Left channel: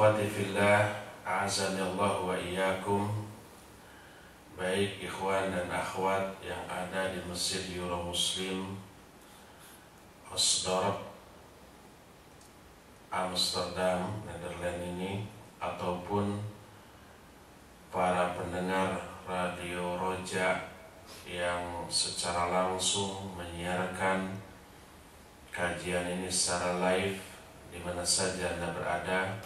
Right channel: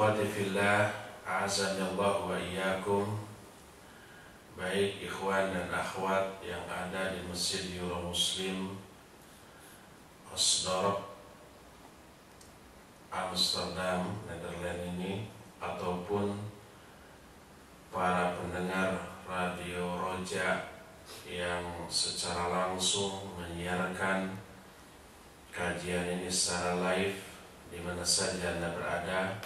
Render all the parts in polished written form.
Ikhwati fillah, a'azani Allah wa iyyakum. Baik ikhwan dan akhwat yang ada di Masjid Euro Muslim Osdorp, Amsterdam, Nederland ini, ataupun para pendengar Radio Roja yang secara langsung menyiarkan kajian ini secara live di mana saja Anda berada,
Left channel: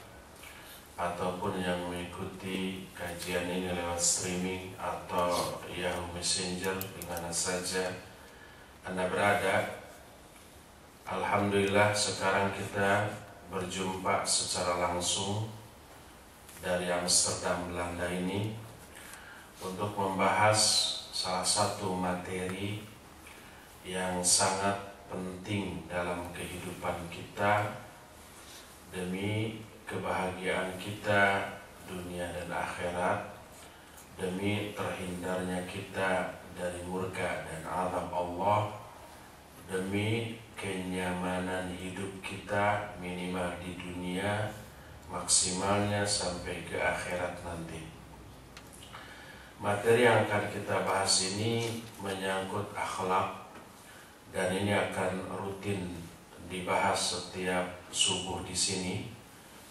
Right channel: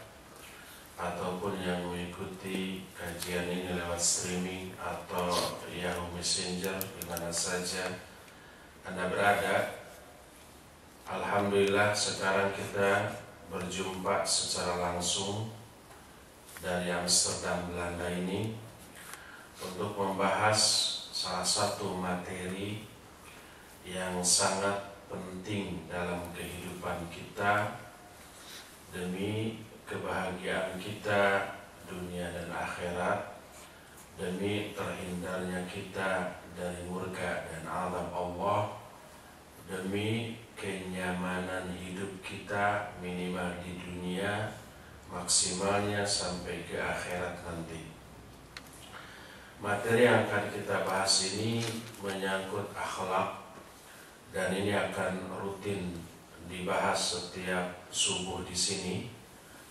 ataupun yang mengikuti kajian ini lewat streaming atau Yahoo Messenger di mana saja Anda berada. Alhamdulillah sekarang kita berjumpa secara langsung dari Amsterdam, Belanda ini untuk membahas salah satu materi yang sangat penting dalam kehidupan kita demi kebahagiaan kita dunia dan akhirat, demi terhindarnya kita dari murka dan azab Allah, demi kenyamanan hidup kita minimal di dunia, maksimalnya sampai ke akhirat nanti. Materi yang akan kita bahas ini menyangkut akhlak, dan ini akan rutin dibahas setiap subuh di sini.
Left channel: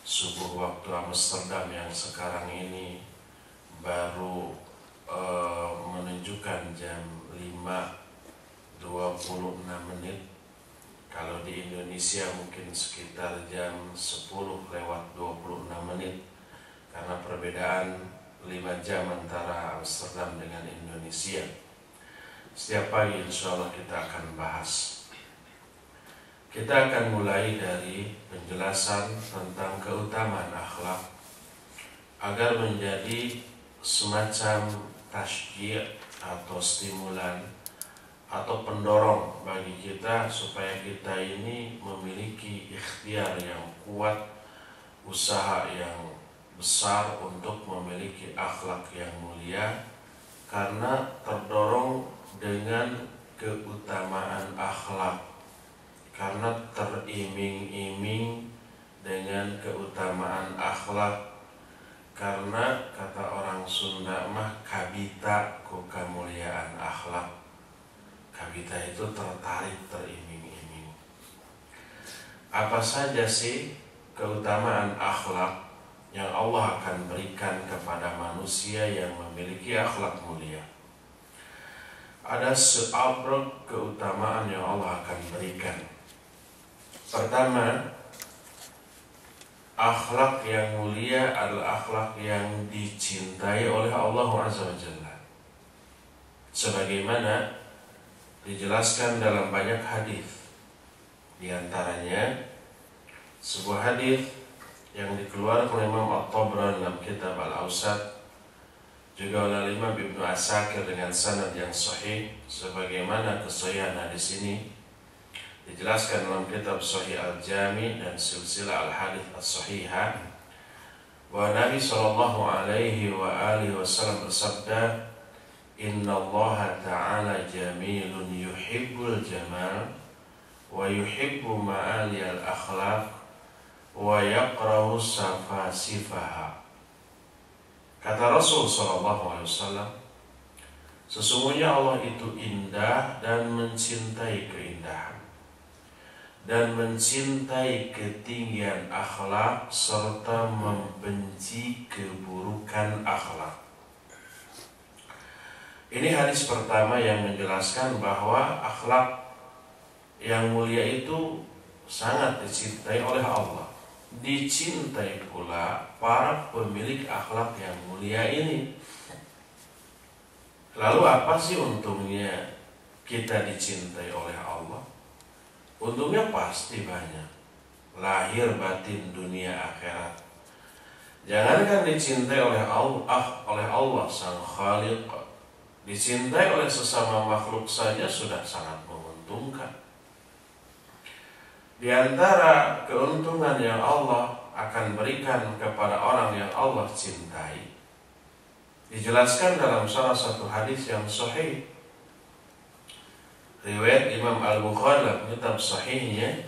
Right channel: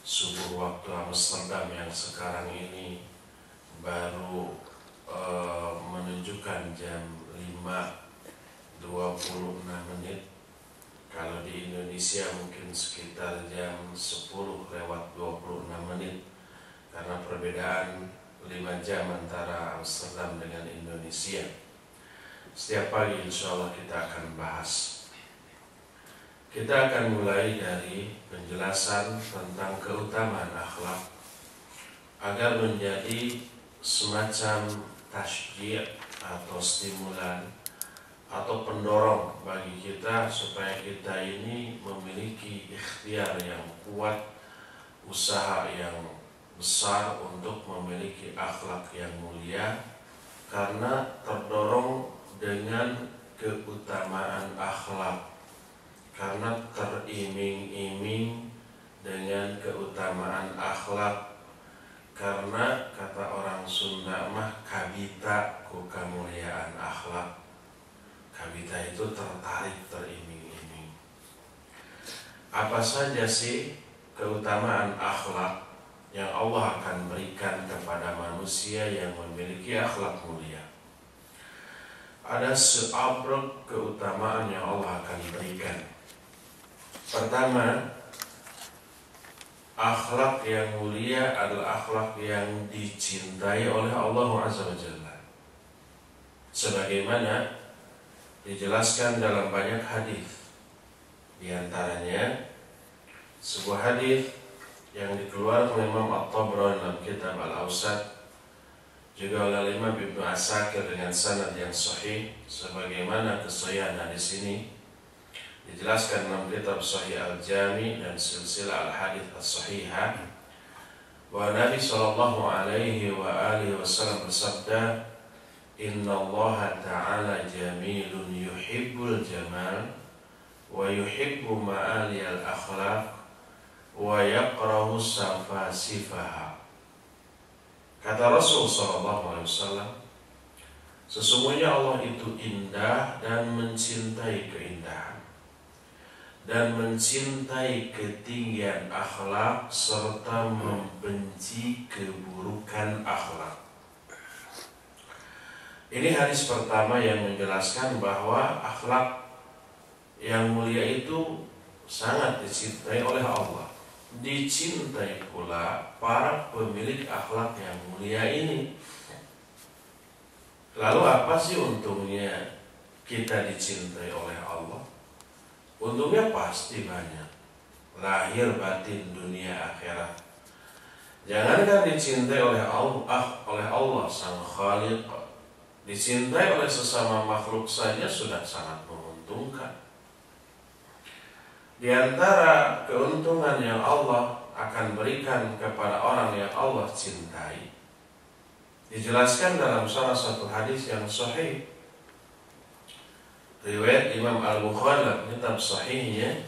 Subuh waktu Amsterdam yang sekarang ini baru menunjukkan jam 5.26. Kalau di Indonesia mungkin sekitar jam 10:26, karena perbedaan 5 jam antara Amsterdam dengan Indonesia. Setiap pagi insya Allah kita akan bahas. Kita akan mulai dari penjelasan tentang keutamaan akhlak agar menjadi semacam tasjid atau stimulan atau pendorong bagi kita supaya kita ini memiliki ikhtiar yang kuat, usaha yang besar untuk memiliki akhlak yang mulia, karena terdorong dengan keutamaan akhlak, karena teriming-iming dengan keutamaan akhlak, karena kata orang Sunda mah kabita ku kemuliaan akhlak. Kabita itu tertarik, teriming-iming. Apa saja sih keutamaan akhlak yang Allah akan berikan kepada manusia yang memiliki akhlak mulia? Ada seabrek keutamaan yang Allah akan berikan. Pertama, akhlak yang mulia adalah akhlak yang dicintai oleh Allah Azza wa Jalla, sebagaimana dijelaskan dalam banyak hadis. Di antaranya sebuah hadis yang dikeluarkan oleh Imam At-Tabrani dalam kitab Al-Awsat, juga oleh Imam Ibnu Asakir dengan sanad yang sahih, sebagaimana kesahihan hadis ini dijelaskan dalam kitab Sahih Al-Jami dan Silsilah Al-Hadits As-Sahihah, bahwa Nabi sallallahu alaihi wa alihi wasallam bersabda, "Inna Allah Ta'ala jamilun yuhibbul jamal wa yuhibbu ma'aliyal akhlaq wa yakrahu safasifaha." Kata Rasul sallallahu alaihi wasallam, sesungguhnya Allah itu indah dan mencintai keindahan, dan mencintai ketinggian akhlak serta membenci keburukan akhlak. Ini hadis pertama yang menjelaskan bahwa akhlak yang mulia itu sangat dicintai oleh Allah. Dicintai pula para pemilik akhlak yang mulia ini. Lalu apa sih untungnya kita dicintai oleh Allah? Untungnya pasti banyak, lahir batin dunia akhirat. Jangankan dicintai oleh Allah Sang Khaliq, dicintai oleh sesama makhluk saja sudah sangat menguntungkan. Di antara keuntungan yang Allah akan berikan kepada orang yang Allah cintai, dijelaskan dalam salah satu hadis yang sahih riwayat Imam Al-Bukhari dalam kitab sahihnya,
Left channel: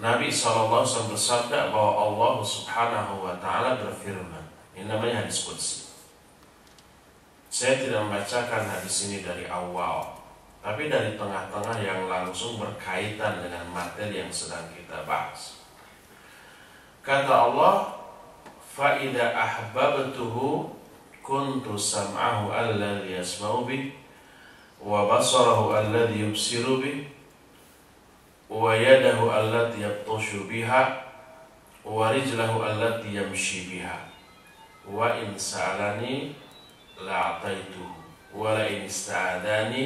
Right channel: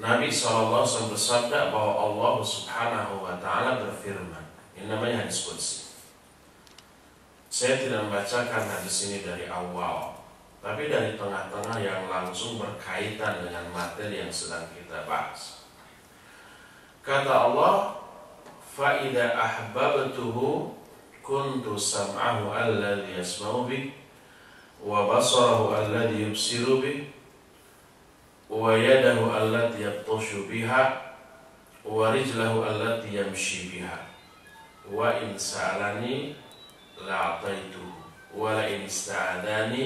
Nabi SAW bersabda bahwa Allah Subhanahu wa Ta'ala berfirman. Ini namanya hadis qudsi. Saya tidak membacakan hadis ini dari awal, tapi dari tengah-tengah yang langsung berkaitan dengan materi yang sedang kita bahas. Kata Allah, فَإِذَا أَحْبَبْتُهُ كُنْتُ سَمْعَهُ الَّذِي يَسْمَعُ بِهِ وَبَصَرَهُ الَّذِي يُبْصِرُ بِهِ وَيَدَهُ الَّتِي يَبْطِشُ بِهَا وَرِجْلَهُ الَّتِي يَمْشِي بِهَا وَإِنْ سَأَلَنِي لَأَعْطَيْتُهُ وَلَئِنِ اسْتَعَاذَنِي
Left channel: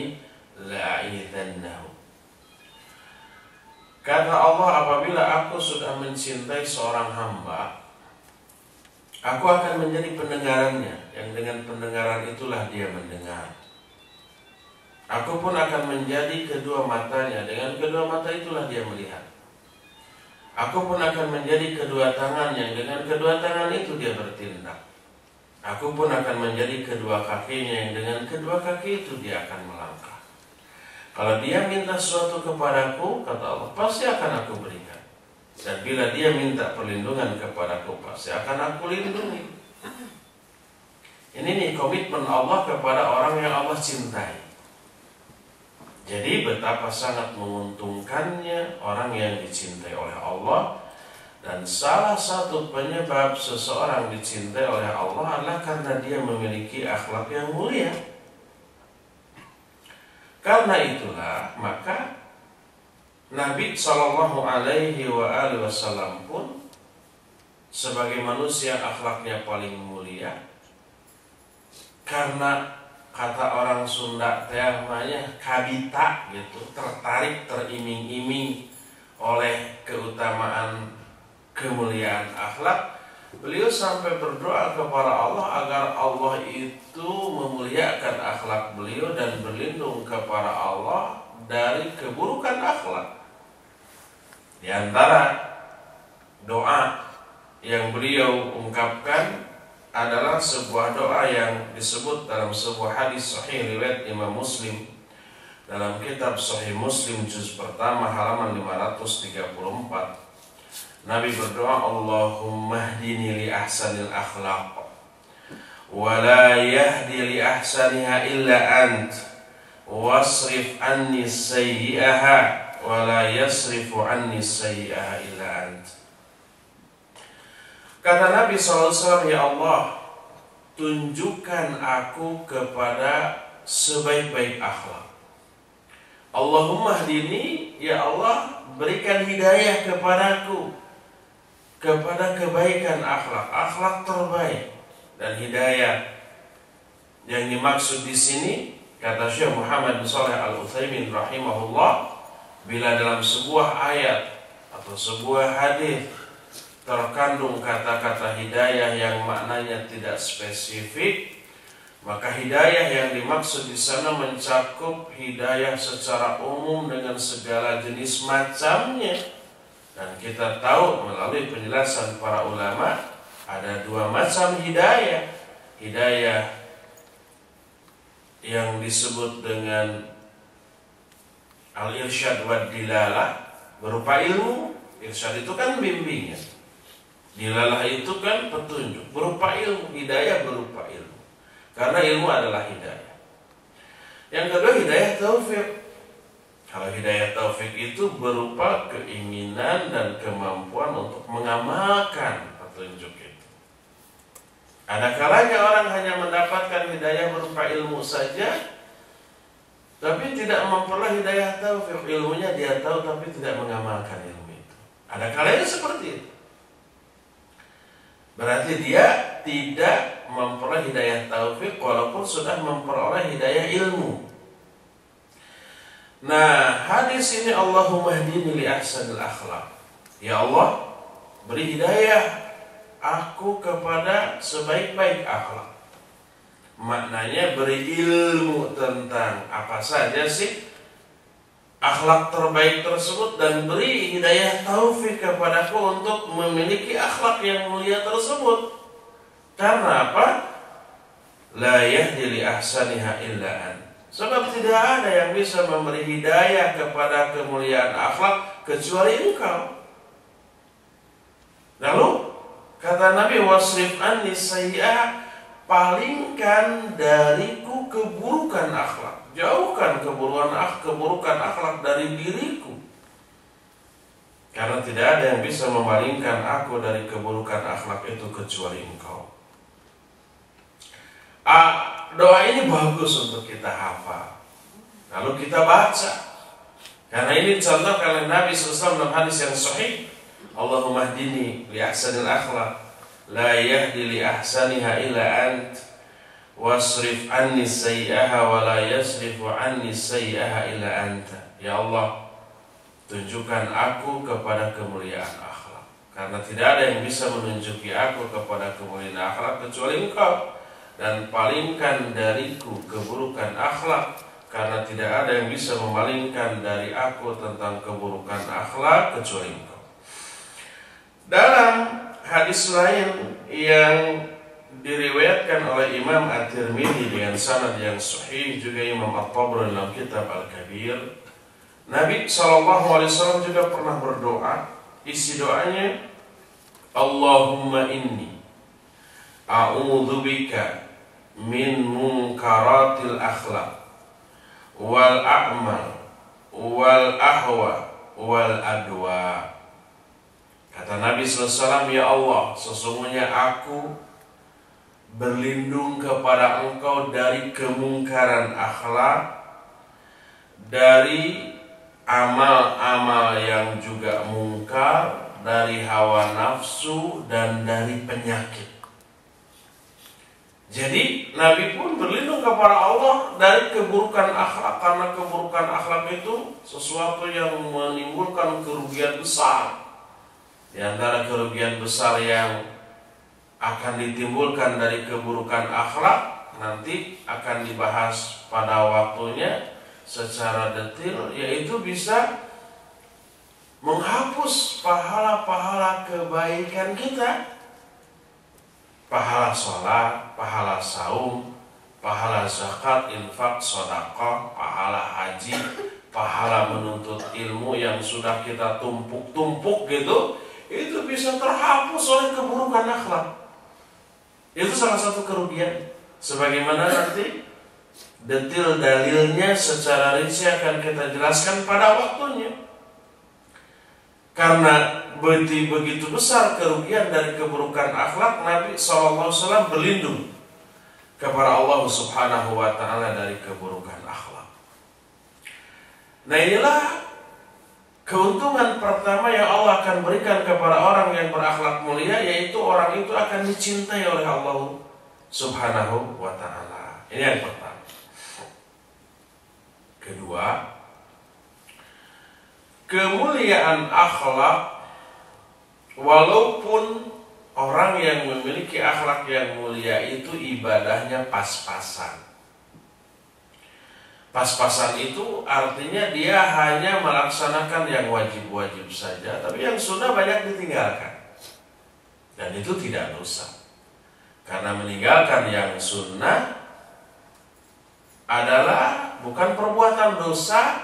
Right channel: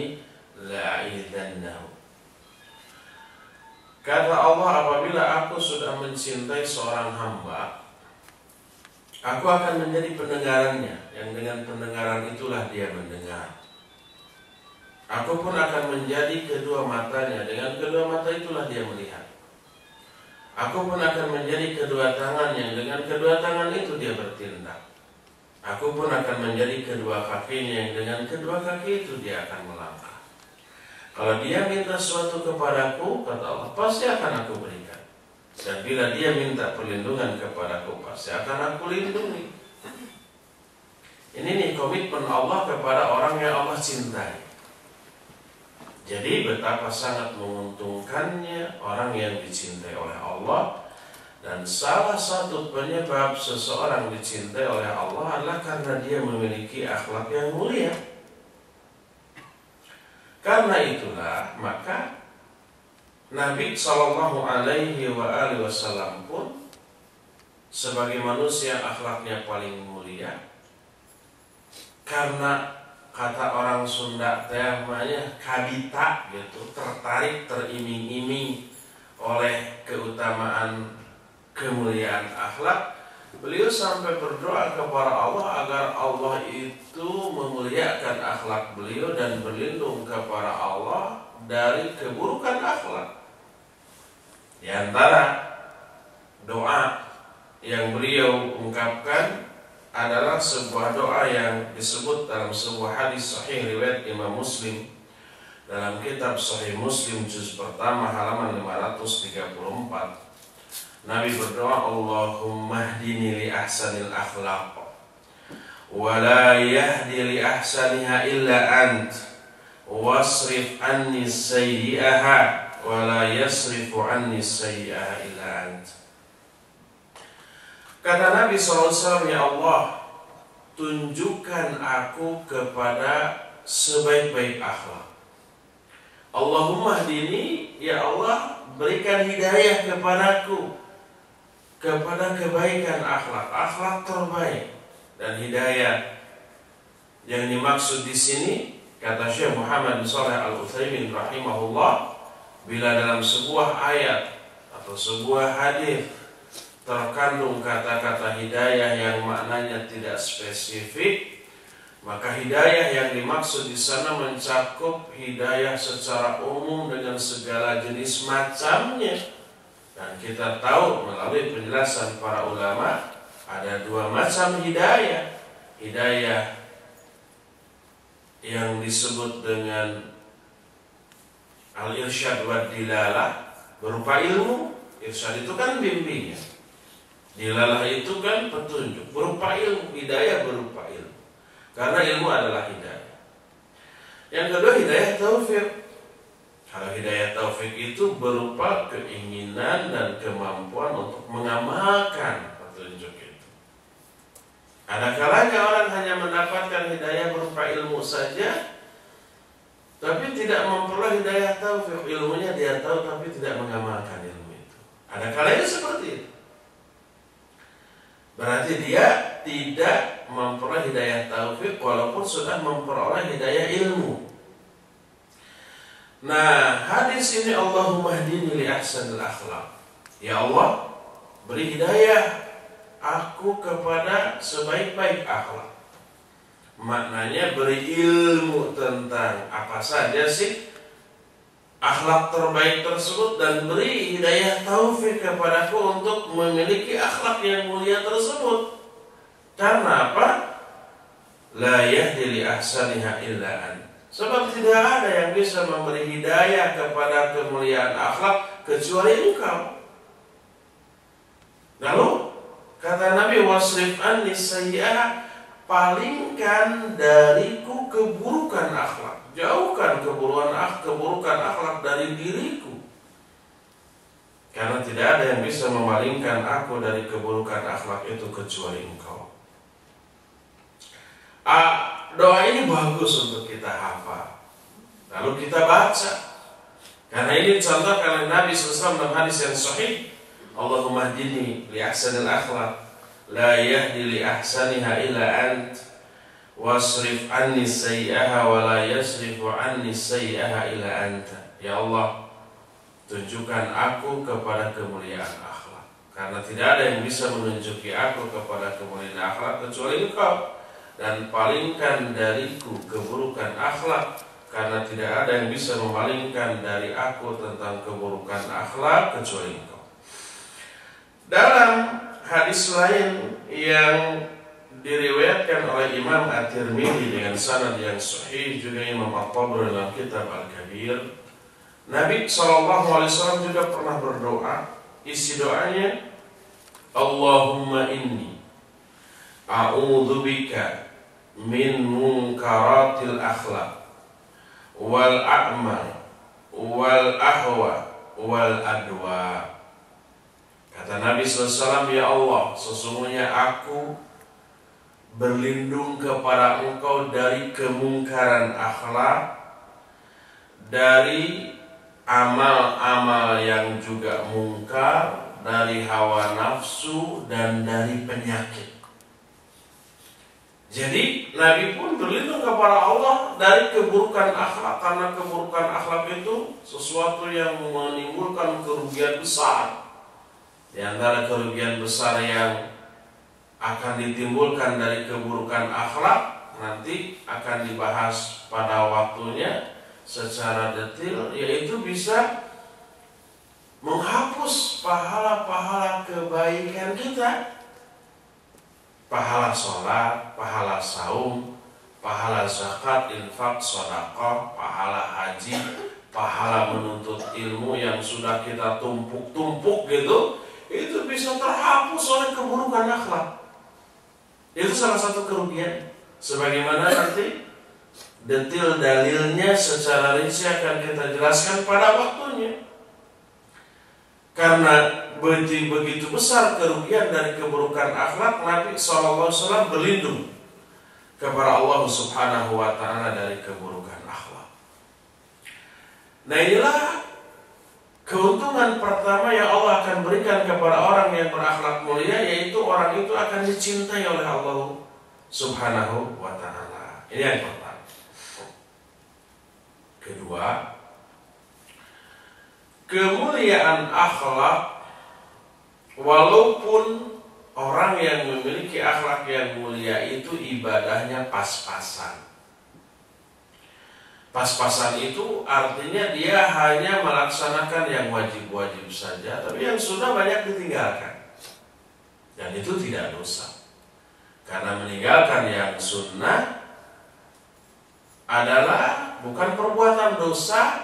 لَأَعِيذَنَّهُ. Kata Allah, apabila aku sudah mencintai seorang hamba, aku akan menjadi pendengarannya, yang dengan pendengaran itulah dia mendengar. Aku pun akan menjadi kedua matanya, dengan kedua mata itulah dia melihat. Aku pun akan menjadi kedua tangannya, dengan kedua tangan itu dia bertindak. Aku pun akan menjadi kedua kakinya, yang dengan kedua kaki itu dia akan melangkah. Kalau dia minta sesuatu kepadaku, kata Allah, pasti akan aku berikan. Dan bila dia minta perlindungan kepadaku, pasti akan aku lindungi. Ini nih komitmen Allah kepada orang yang Allah cintai. Jadi betapa sangat menguntungkannya orang yang dicintai oleh Allah. Dan salah satu penyebab seseorang dicintai oleh Allah adalah karena dia memiliki akhlak yang mulia. Karena itulah maka Nabi SAW pun sebagai manusia akhlaknya paling mulia, karena kata orang Sunda namanya kadita gitu, tertarik, teriming-iming oleh keutamaan kemuliaan akhlak. Beliau sampai berdoa kepada Allah agar Allah itu memuliakan akhlak beliau dan berlindung kepada Allah dari keburukan akhlak. Di antara doa yang beliau ungkapkan adalah sebuah doa yang disebut dalam sebuah hadis sahih riwayat Imam Muslim dalam kitab Sahih Muslim juz pertama halaman 534. Nabi berdoa, Allahumma hdini li ahsanil akhlaq wa la yahdi li ahsaniha illa ant wasrif anni sayyi'aha wa la yasrifu anni sayyi'aha illa ant. Kata Nabi SAW, ya Allah, tunjukkan aku kepada sebaik-baik akhlak. Allahumma hdini, ya Allah, berikan hidayah kepadaku kepada kebaikan akhlak, akhlak terbaik. Dan hidayah yang dimaksud di sini, kata Syekh Muhammad bin Shalih Al-Utsaimin rahimahullah, bila dalam sebuah ayat atau sebuah hadis terkandung kata-kata hidayah yang maknanya tidak spesifik, maka hidayah yang dimaksud di sana mencakup hidayah secara umum dengan segala jenis macamnya. Dan kita tahu melalui penjelasan para ulama ada dua macam hidayah. Hidayah yang disebut dengan al-irsyad wa dilalah berupa ilmu. Irsyad itu kan bimbingan, dilalah itu kan petunjuk berupa ilmu. Hidayah berupa ilmu, karena ilmu adalah hidayah. Yang kedua hidayah taufik. Kalau hidayah taufik itu berupa keinginan dan kemampuan untuk mengamalkan petunjuk itu. Ada kalanya orang hanya mendapatkan hidayah berupa ilmu saja, tapi tidak memperoleh hidayah taufik. Ilmunya dia tahu tapi tidak mengamalkan ilmu itu. Ada kalanya seperti itu. Berarti dia tidak memperoleh hidayah taufik walaupun sudah memperoleh hidayah ilmu. Nah, hadis ini Allahumma hdini li ahsanil akhlaq. Ya Allah, beri hidayah aku kepada sebaik-baik akhlak. Maknanya beri ilmu tentang apa saja sih akhlak terbaik tersebut, dan beri hidayah taufik kepadaku untuk memiliki akhlak yang mulia tersebut. Karena apa? La yahdi li ahsaniha illa an. Sebab tidak ada yang bisa memberi hidayah kepada kemuliaan akhlak kecuali engkau. Lalu kata Nabi, wasrif anni sayyi'ah, palingkan dariku keburukan akhlak, jauhkan keburukan akhlak dari diriku. Karena tidak ada yang bisa memalingkan aku dari keburukan akhlak itu kecuali Engkau. Doa ini bagus untuk kita hafal, lalu kita baca. Karena ini contoh oleh Nabi SAW dalam hadis yang sahih, Allahumma hdini li ahsanil akhlaq, la yahdi li ahsaniha illa ant, wasrif anni sayyi'aha wa la yasrifu anni sayyi'aha illa anta. Ya Allah, tunjukkan aku kepada kemuliaan akhlak, karena tidak ada yang bisa menunjuki aku kepada kemuliaan akhlak kecuali Engkau. Dan palingkan dariku keburukan akhlak, karena tidak ada yang bisa memalingkan dari aku tentang keburukan akhlak kecuali Engkau. Dalam hadis lain yang diriwayatkan oleh Imam At-Tirmidzi dengan sanad yang sahih, juga Imam At-Tabrani dalam kitab Al-Kabir, Nabi SAW juga pernah berdoa. Isi doanya, Allahumma inni a'udzubika min munkaratil akhlaq wal a'mal wal ahwa wal adwa. Kata Nabi SAW, ya Allah, sesungguhnya aku berlindung kepada Engkau dari kemungkaran akhlak, dari amal-amal yang juga mungkar, dari hawa nafsu, dan dari penyakit. Jadi Nabi pun berlindung kepada Allah dari keburukan akhlak, karena keburukan akhlak itu sesuatu yang menimbulkan kerugian besar. Di antara kerugian besar yang akan ditimbulkan dari keburukan akhlak nanti akan dibahas pada waktunya secara detail, yaitu bisa menghapus pahala-pahala kebaikan kita. Pahala sholat, pahala saum, pahala zakat, infak, sedekah, pahala haji, pahala menuntut ilmu yang sudah kita tumpuk-tumpuk gitu, itu bisa terhapus oleh keburukan akhlak. Itu salah satu kerugian. Sebagaimana nanti detail dalilnya secara rinci akan kita jelaskan pada waktunya. Karena begitu besar kerugian dari keburukan akhlak, Nabi SAW berlindung kepada Allah Subhanahu wa Ta'ala dari keburukan akhlak. Nah, inilah keuntungan pertama yang Allah akan berikan kepada orang yang berakhlak mulia, yaitu orang itu akan dicintai oleh Allah Subhanahu wa Ta'ala. Ini yang pertama. Kedua, kemuliaan akhlak, walaupun orang yang memiliki akhlak yang mulia itu ibadahnya pas-pasan. Pas-pasan itu artinya dia hanya melaksanakan yang wajib-wajib saja, tapi yang sunnah banyak ditinggalkan. Dan itu tidak dosa. Karena meninggalkan yang sunnah adalah bukan perbuatan dosa,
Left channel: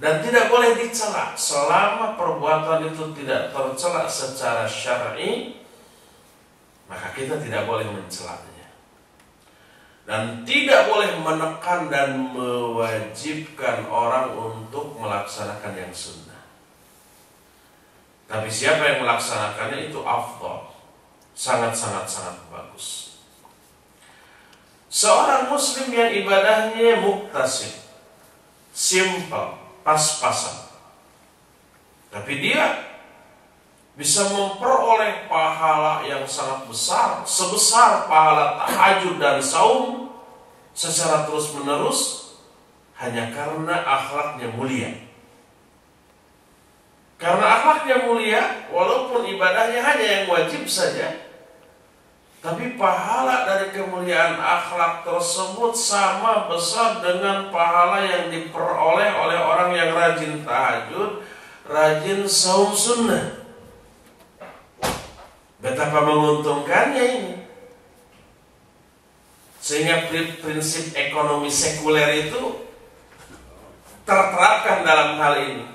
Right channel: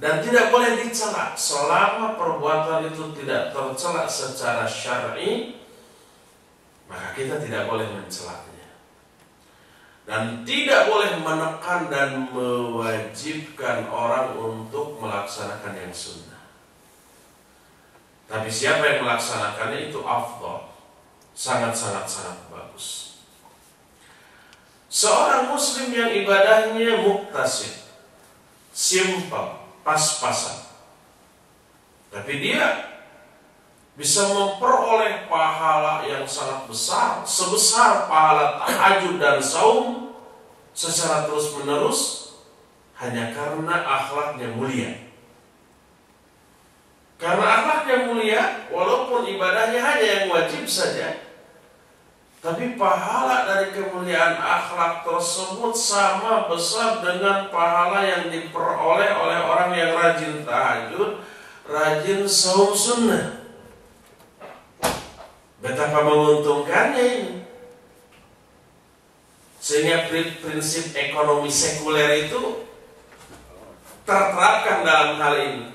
dan tidak boleh dicela. Selama perbuatan itu tidak tercela secara syar'i, maka kita tidak boleh mencelanya. Dan tidak boleh menekan dan mewajibkan orang untuk melaksanakan yang sunnah. Tapi siapa yang melaksanakannya itu afdal, sangat-sangat bagus. Seorang muslim yang ibadahnya muktasib, simple, pas-pasan, tapi dia bisa memperoleh pahala yang sangat besar, sebesar pahala tahajud dan saum secara terus-menerus, hanya karena akhlaknya mulia. Karena akhlaknya mulia, walaupun ibadahnya hanya yang wajib saja, tapi pahala dari kemuliaan akhlak tersebut sama besar dengan pahala yang diperoleh oleh orang yang rajin tahajud, rajin saum sunnah. Betapa menguntungkannya ini. Sehingga prinsip ekonomi sekuler itu terterapkan dalam hal ini.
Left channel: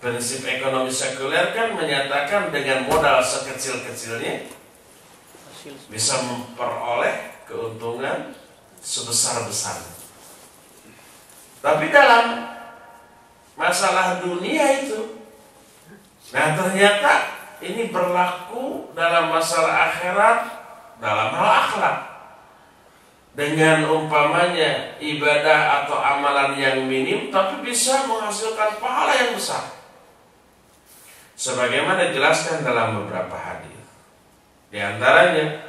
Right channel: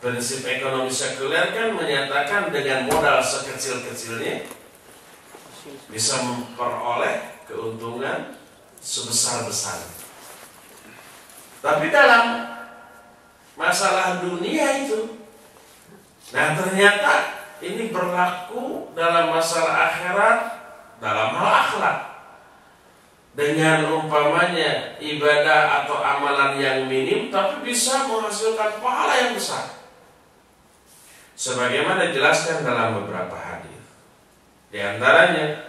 Prinsip ekonomi sekuler kan menyatakan dengan modal sekecil-kecilnya bisa memperoleh keuntungan sebesar-besarnya. Tapi dalam masalah dunia itu, nah ternyata ini berlaku dalam masalah akhirat, dalam hal akhlak. Dengan umpamanya ibadah atau amalan yang minim tapi bisa menghasilkan pahala yang besar. Sebagaimana dijelaskan dalam beberapa hadis. Di antaranya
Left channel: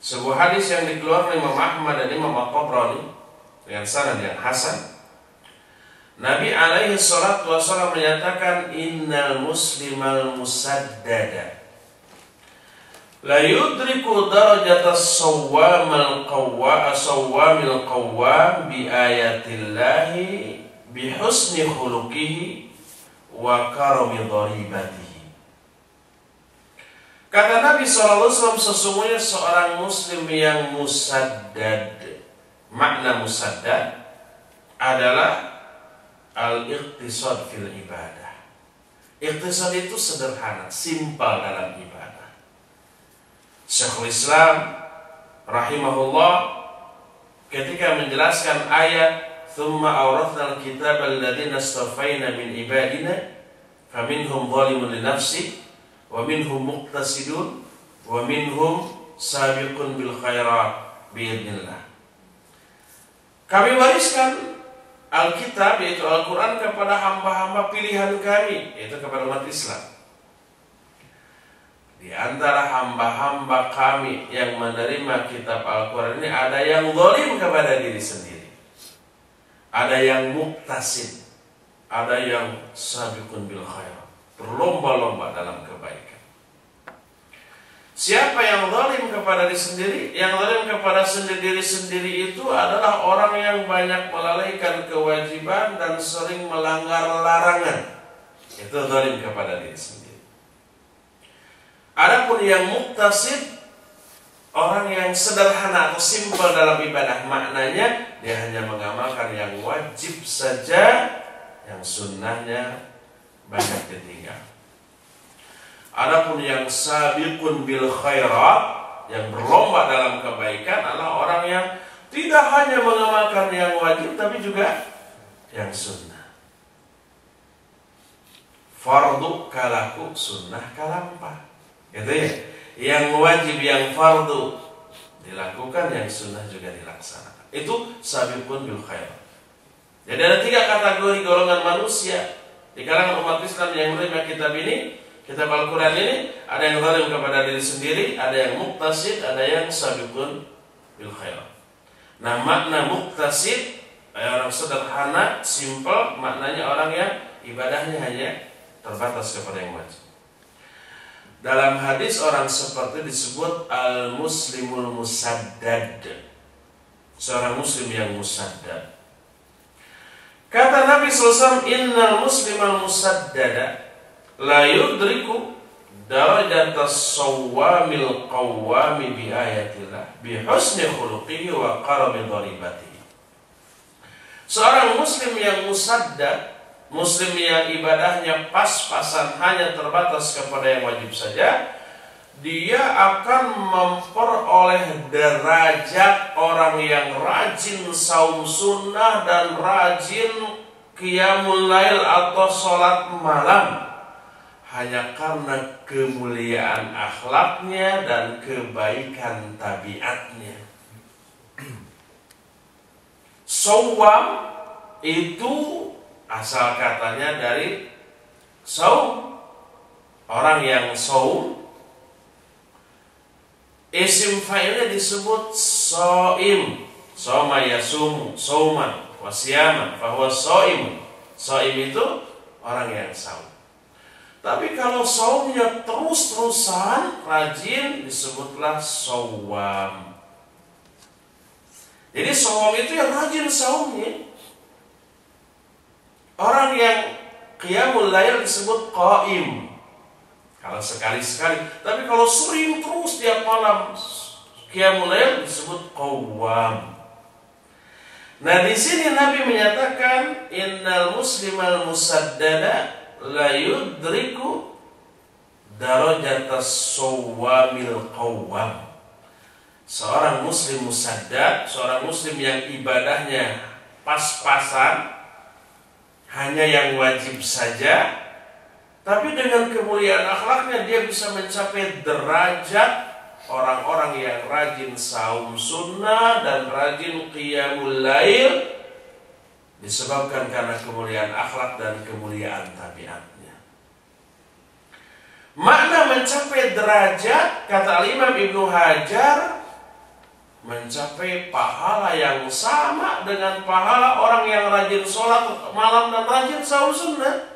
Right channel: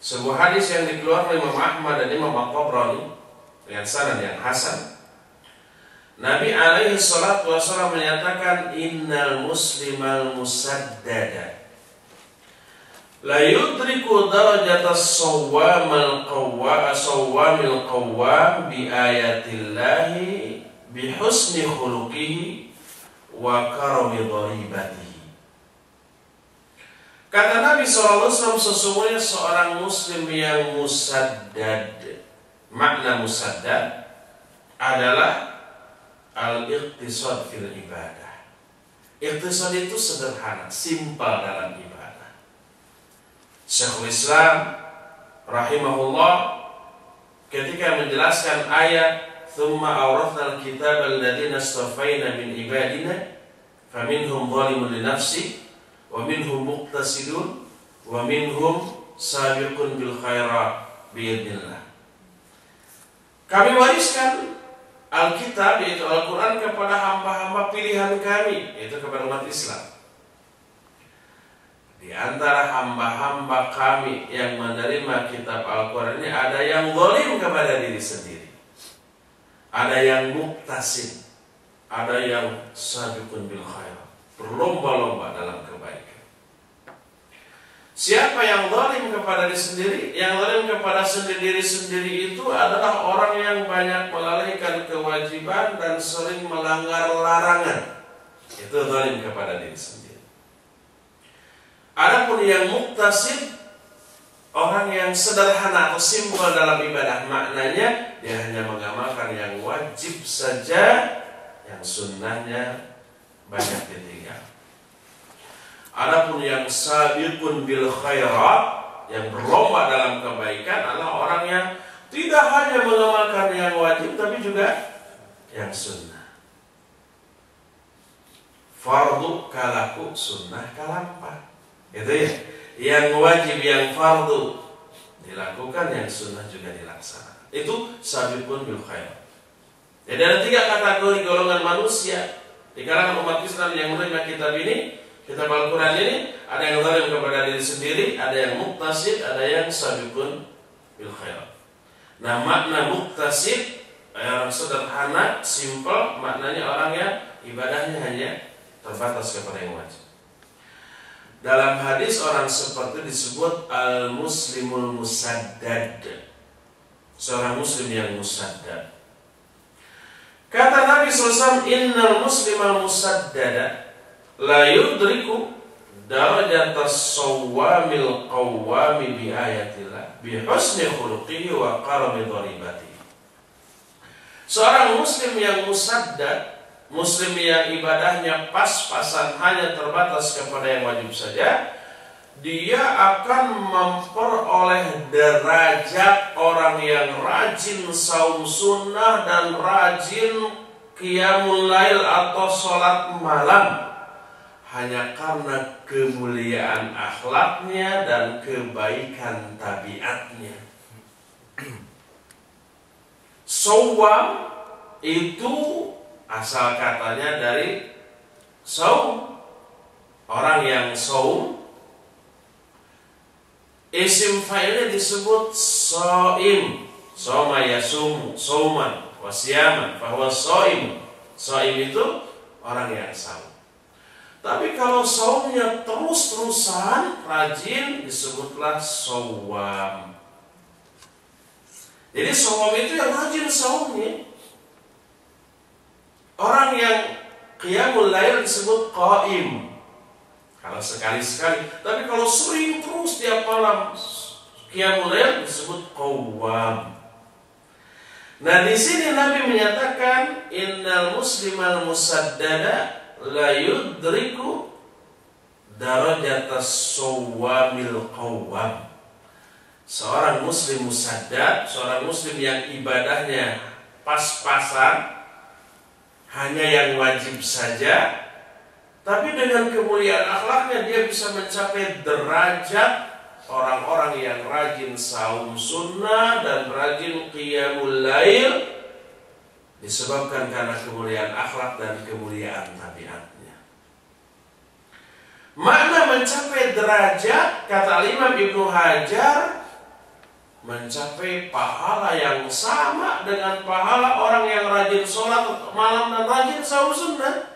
sebuah hadis yang dikeluarkan Imam Ahmad dan Imam At-Tabrani dengan sanad yang hasan. Nabi alaihi salatu wasallam menyatakan innal muslimal musaddada la yudriku darajatas sawwamil qawwam bi ayatillahi bi husni khuluqihi wa karami dharibatihi. Kata Nabi SAW, sesungguhnya seorang muslim yang musaddad, makna musaddad adalah al-iqtisad fil ibadah. Iqtisad itu sederhana, simpel dalam ibadah. Syekhul Islam rahimahullah ketika menjelaskan ayat thumma awrathnal kitaba alladziina istafaina min ibadina faminhum zalimun li nafsihi wa minhum muqtasidun wa minhum sabiqun bil khairat biidznillah. Kami wariskan Alkitab yaitu Al-Quran kepada hamba-hamba pilihan kami, yaitu kepada umat Islam. Di antara hamba-hamba kami yang menerima kitab Al-Quran ini ada yang zalim kepada diri sendiri, ada yang muqtasid, ada yang sabiqun bil khairat, berlomba-lomba dalam kebaikan. Siapa yang zalim kepada diri sendiri? Yang zalim kepada diri sendiri itu adalah orang yang banyak melalaikan kewajiban dan sering melanggar larangan. Itu zalim kepada diri sendiri. Adapun yang muqtasid, orang yang sederhana atau simpel dalam ibadah, maknanya dia hanya mengamalkan yang wajib saja, yang sunnahnya banyak ditinggal. Adapun yang sabiqun bil khairat, yang berlomba dalam kebaikan, adalah orang yang tidak hanya mengamalkan yang wajib tapi juga yang sunnah. Fardu kalaku, sunnah kalampa. Itu ya, yang wajib, yang fardu dilakukan, yang sunnah juga dilaksanakan. Itu sabiqun bil khairat. Jadi ada 3 kategori golongan manusia di kalangan umat Islam yang menerima kitab ini, kitab Al-Quran ini. Ada yang zalim kepada diri sendiri, ada yang muqtasid, ada yang sabiqun bil khairat. Nah, makna muqtasid, orang sederhana, simple, maknanya orang yang ibadahnya hanya terbatas kepada yang wajib. Dalam hadis orang seperti disebut al-muslimul musaddad, seorang muslim yang musaddad. Kata Nabi SAW, innal muslimal musaddada la yudriku darajatas sawwamil qawwami bi ayatillah bi husni khuluqihi wa karami dharibatihi. Seorang muslim yang musaddad, muslim yang ibadahnya pas-pasan, hanya terbatas kepada yang wajib saja, dia akan memperoleh derajat orang yang rajin saum sunnah dan rajin qiyamul lail atau sholat malam, hanya karena kemuliaan akhlaknya dan kebaikan tabiatnya. Sawam itu asal katanya dari saum, orang yang saum. Isim fa'ilnya disebut shaim, soma yasumu, sauman wasyaman, bahwa shaim. Shaim itu orang yang saum. Tapi kalau saumnya terus-terusan rajin, disebutlah sawam. Jadi sawam itu yang rajin saumnya. Orang yang qiyamul lail disebut qaim, kalau sekali-sekali. Tapi kalau sering terus tiap malam qiyamul lail disebut qawwam. Nah, di sini Nabi menyatakan innal muslimal musaddada la yudriku darajatas sawwamil qawwam. Seorang muslim musaddad, seorang muslim yang ibadahnya pas-pasan, hanya yang wajib saja, tapi dengan kemuliaan akhlaknya dia bisa mencapai derajat orang-orang yang rajin saum sunnah dan rajin qiyamul lail, disebabkan karena kemuliaan akhlak dan kemuliaan tabiatnya. Makna mencapai derajat, kata Imam Ibnu Hajar, mencapai pahala yang sama dengan pahala orang yang rajin sholat malam dan rajin saum sunnah.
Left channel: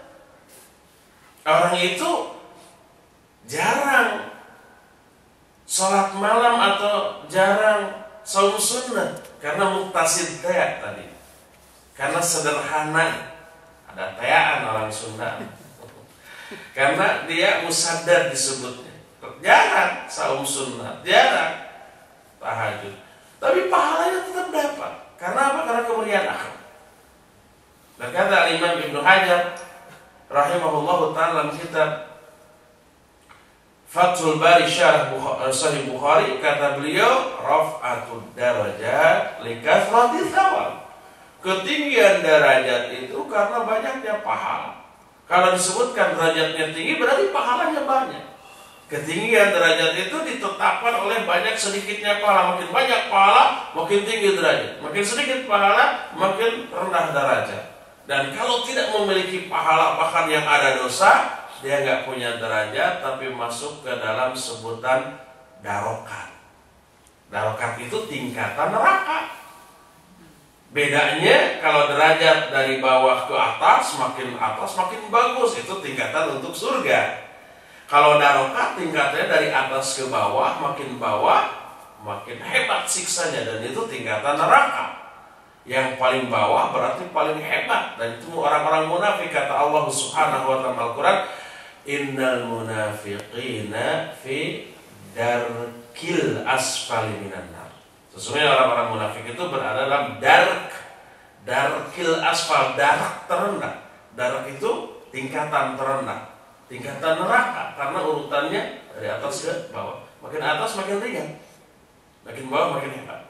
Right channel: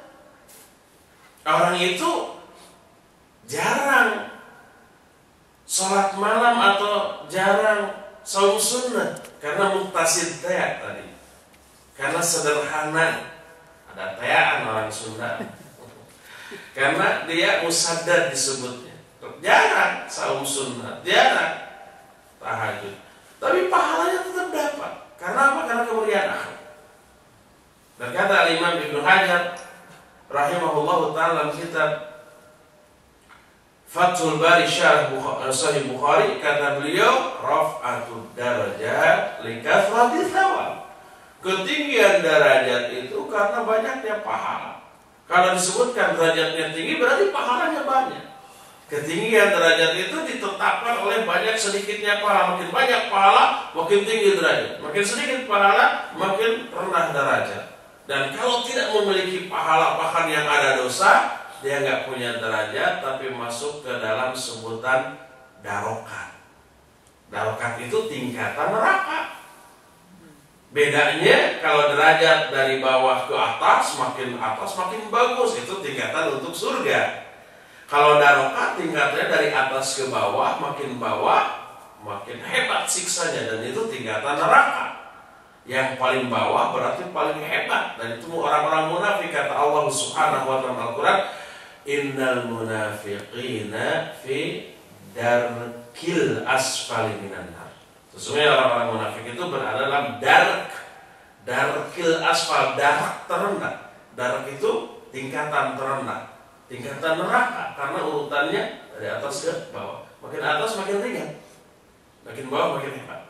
Orang itu jarang sholat malam atau jarang saum sunnah karena muktasid tea tadi, karena sederhana, ada teaan orang Sunda, karena dia musaddad disebutnya, jarang saum sunnah, jarang tahajud, tapi pahalanya tetap dapat. Karena apa? Karena kemuliaan akhlak. Berkata Imam Ibnu Hajar rahimahullahu ta'ala dalam kitab Fathul Bari Syarah Sahih Bukhari, kata beliau, raf'atud darajat likathrati thawab. Ketinggian derajat itu karena banyaknya pahala. Kalau disebutkan derajatnya tinggi berarti pahalanya banyak. Ketinggian derajat itu ditetapkan oleh banyak sedikitnya pahala. Makin banyak pahala, makin tinggi derajat. Makin sedikit pahala, makin rendah derajat. Dan kalau tidak memiliki pahala, bahkan yang ada dosa, dia nggak punya derajat, tapi masuk ke dalam sebutan darokat. Darokat itu tingkatan neraka. Bedanya kalau derajat dari bawah ke atas makin bagus, itu tingkatan untuk surga. Kalau darokat tingkatnya dari atas ke bawah makin hebat siksanya, dan itu tingkatan neraka. Yang paling bawah berarti paling hebat, dan itu orang-orang munafik. Kata Allah Subhanahu wa ta'ala Al-Qur'an, innal munafiqina fi darkil asfali minan nar. Sesungguhnya orang-orang munafik itu berada dalam darkil asfal, darak terendah. Darak itu tingkatan terendah, tingkatan neraka, karena urutannya dari atas ke bawah. Makin atas makin ringan, makin bawah makin hebat.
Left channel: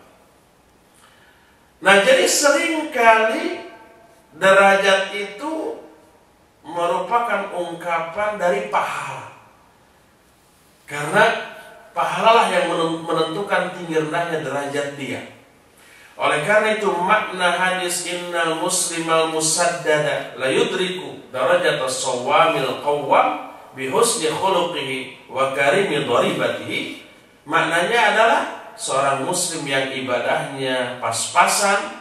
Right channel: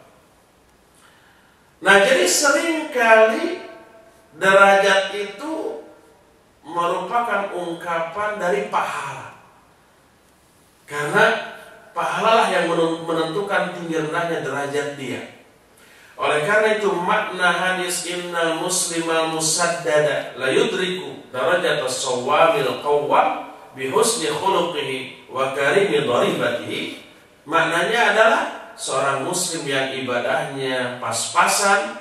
Nah, jadi seringkali derajat itu merupakan ungkapan dari pahala. Karena pahalalah yang menentukan tinggi rendahnya derajat dia. Oleh karena itu makna hadis innal muslimal musaddada la yudriku darajat as-sawwamil qawwam bi husni khuluqihi wa karimi dharibatihi, maknanya adalah seorang muslim yang ibadahnya pas-pasan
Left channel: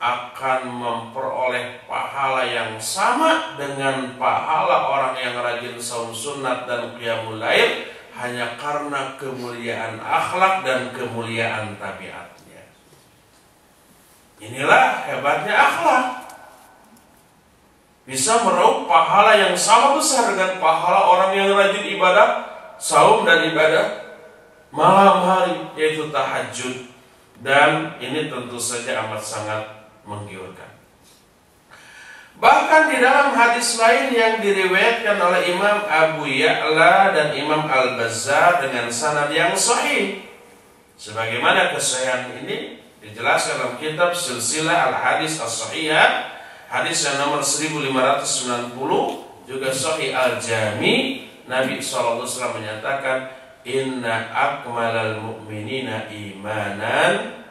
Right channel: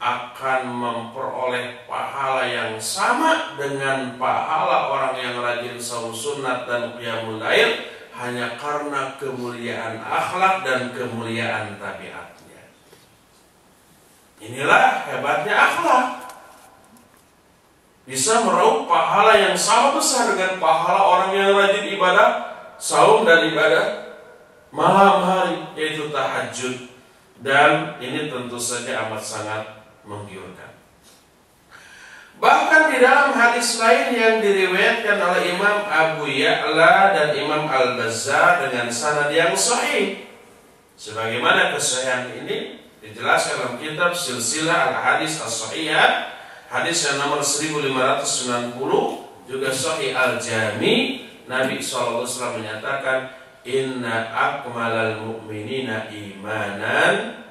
akan memperoleh pahala yang sama dengan pahala orang yang rajin saum sunat dan qiyamul lail, hanya karena kemuliaan akhlak dan kemuliaan tabiatnya. Inilah hebatnya akhlak, bisa meraup pahala yang sama besar dengan pahala orang yang rajin ibadah saum dan ibadah malam hari, yaitu tahajud. Dan ini tentu saja amat sangat menggiurkan. Bahkan di dalam hadis lain yang diriwayatkan oleh Imam Abu Ya'la dan Imam Al-Bazzar dengan sanad yang sahih, sebagaimana kesahihan ini dijelaskan dalam kitab Silsilah Al-Hadis As-Sahihah, hadis yang nomor 1590, juga Sahih Al-Jami. Nabi SAW menyatakan, inna akmalal mu'minina imanan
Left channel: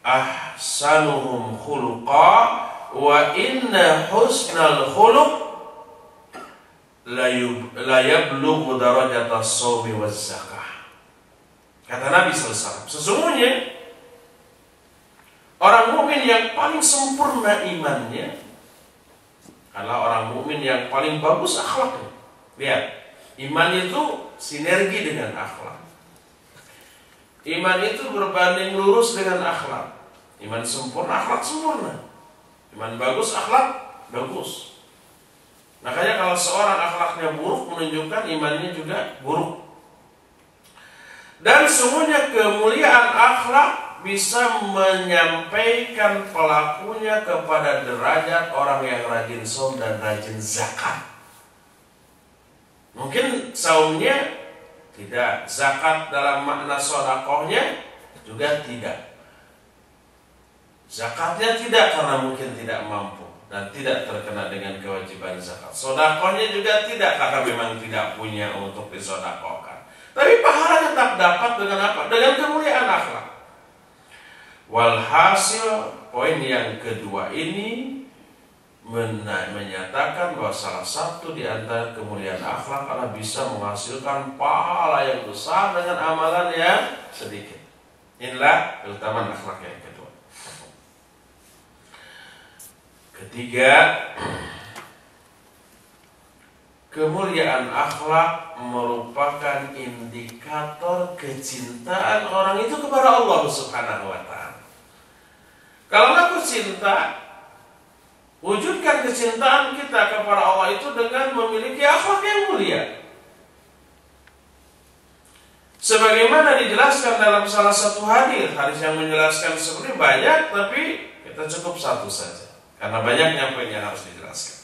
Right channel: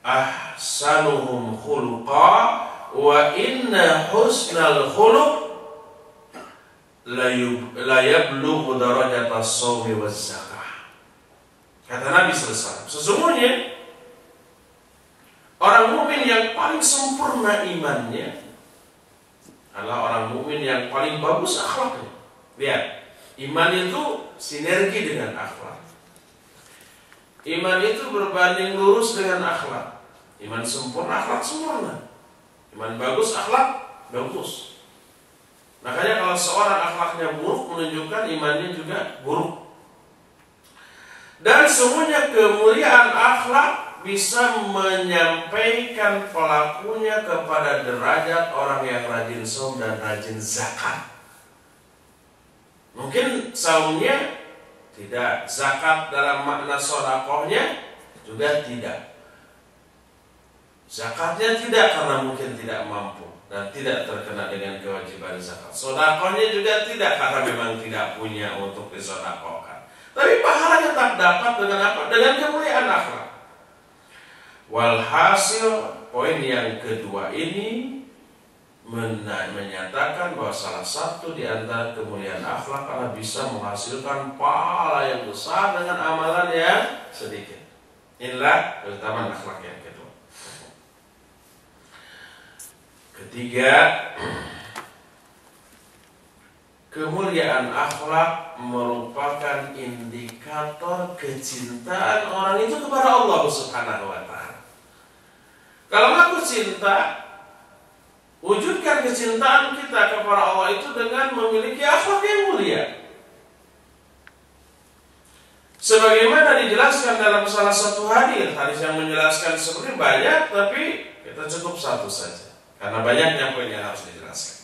ahsanuhum khuluqa wa inna husnal khuluq la yablughu darajatas shaumi waz zakah. Kata Nabi SAW, sesungguhnya orang mukmin yang paling sempurna imannya adalah orang mukmin yang paling bagus akhlaknya. Lihat, iman itu sinergi dengan akhlak. Iman itu berbanding lurus dengan akhlak. Iman sempurna, akhlak sempurna. Iman bagus, akhlak bagus. Makanya kalau seorang akhlaknya buruk, menunjukkan imannya juga buruk. Dan semuanya kemuliaan akhlak bisa menyampaikan pelakunya kepada derajat orang yang rajin saum dan rajin zakat. Mungkin saumnya tidak, zakat dalam makna sedekahnya juga tidak. Zakatnya tidak karena mungkin tidak mampu dan tidak terkena dengan kewajiban zakat. Sedekahnya juga tidak karena memang tidak punya untuk disedekahkan. Tapi pahala tetap dapat dengan apa? Dengan kemuliaan akhlak. Walhasil poin yang kedua ini menyatakan bahwa salah satu di antara kemuliaan akhlak adalah bisa menghasilkan pahala yang besar dengan amalan yang sedikit. Inilah keutamaan akhlak yang kedua. Ketiga, kemuliaan akhlak merupakan indikator kecintaan orang itu kepada Allah Subhanahu wa ta'ala. Kalau ngaku cinta, wujudkan kecintaan kita kepada Allah itu dengan memiliki akhlak yang mulia. Sebagaimana dijelaskan dalam salah satu hadis yang menjelaskan sebenarnya banyak, tapi kita cukup satu saja karena banyaknya poin yang harus dijelaskan.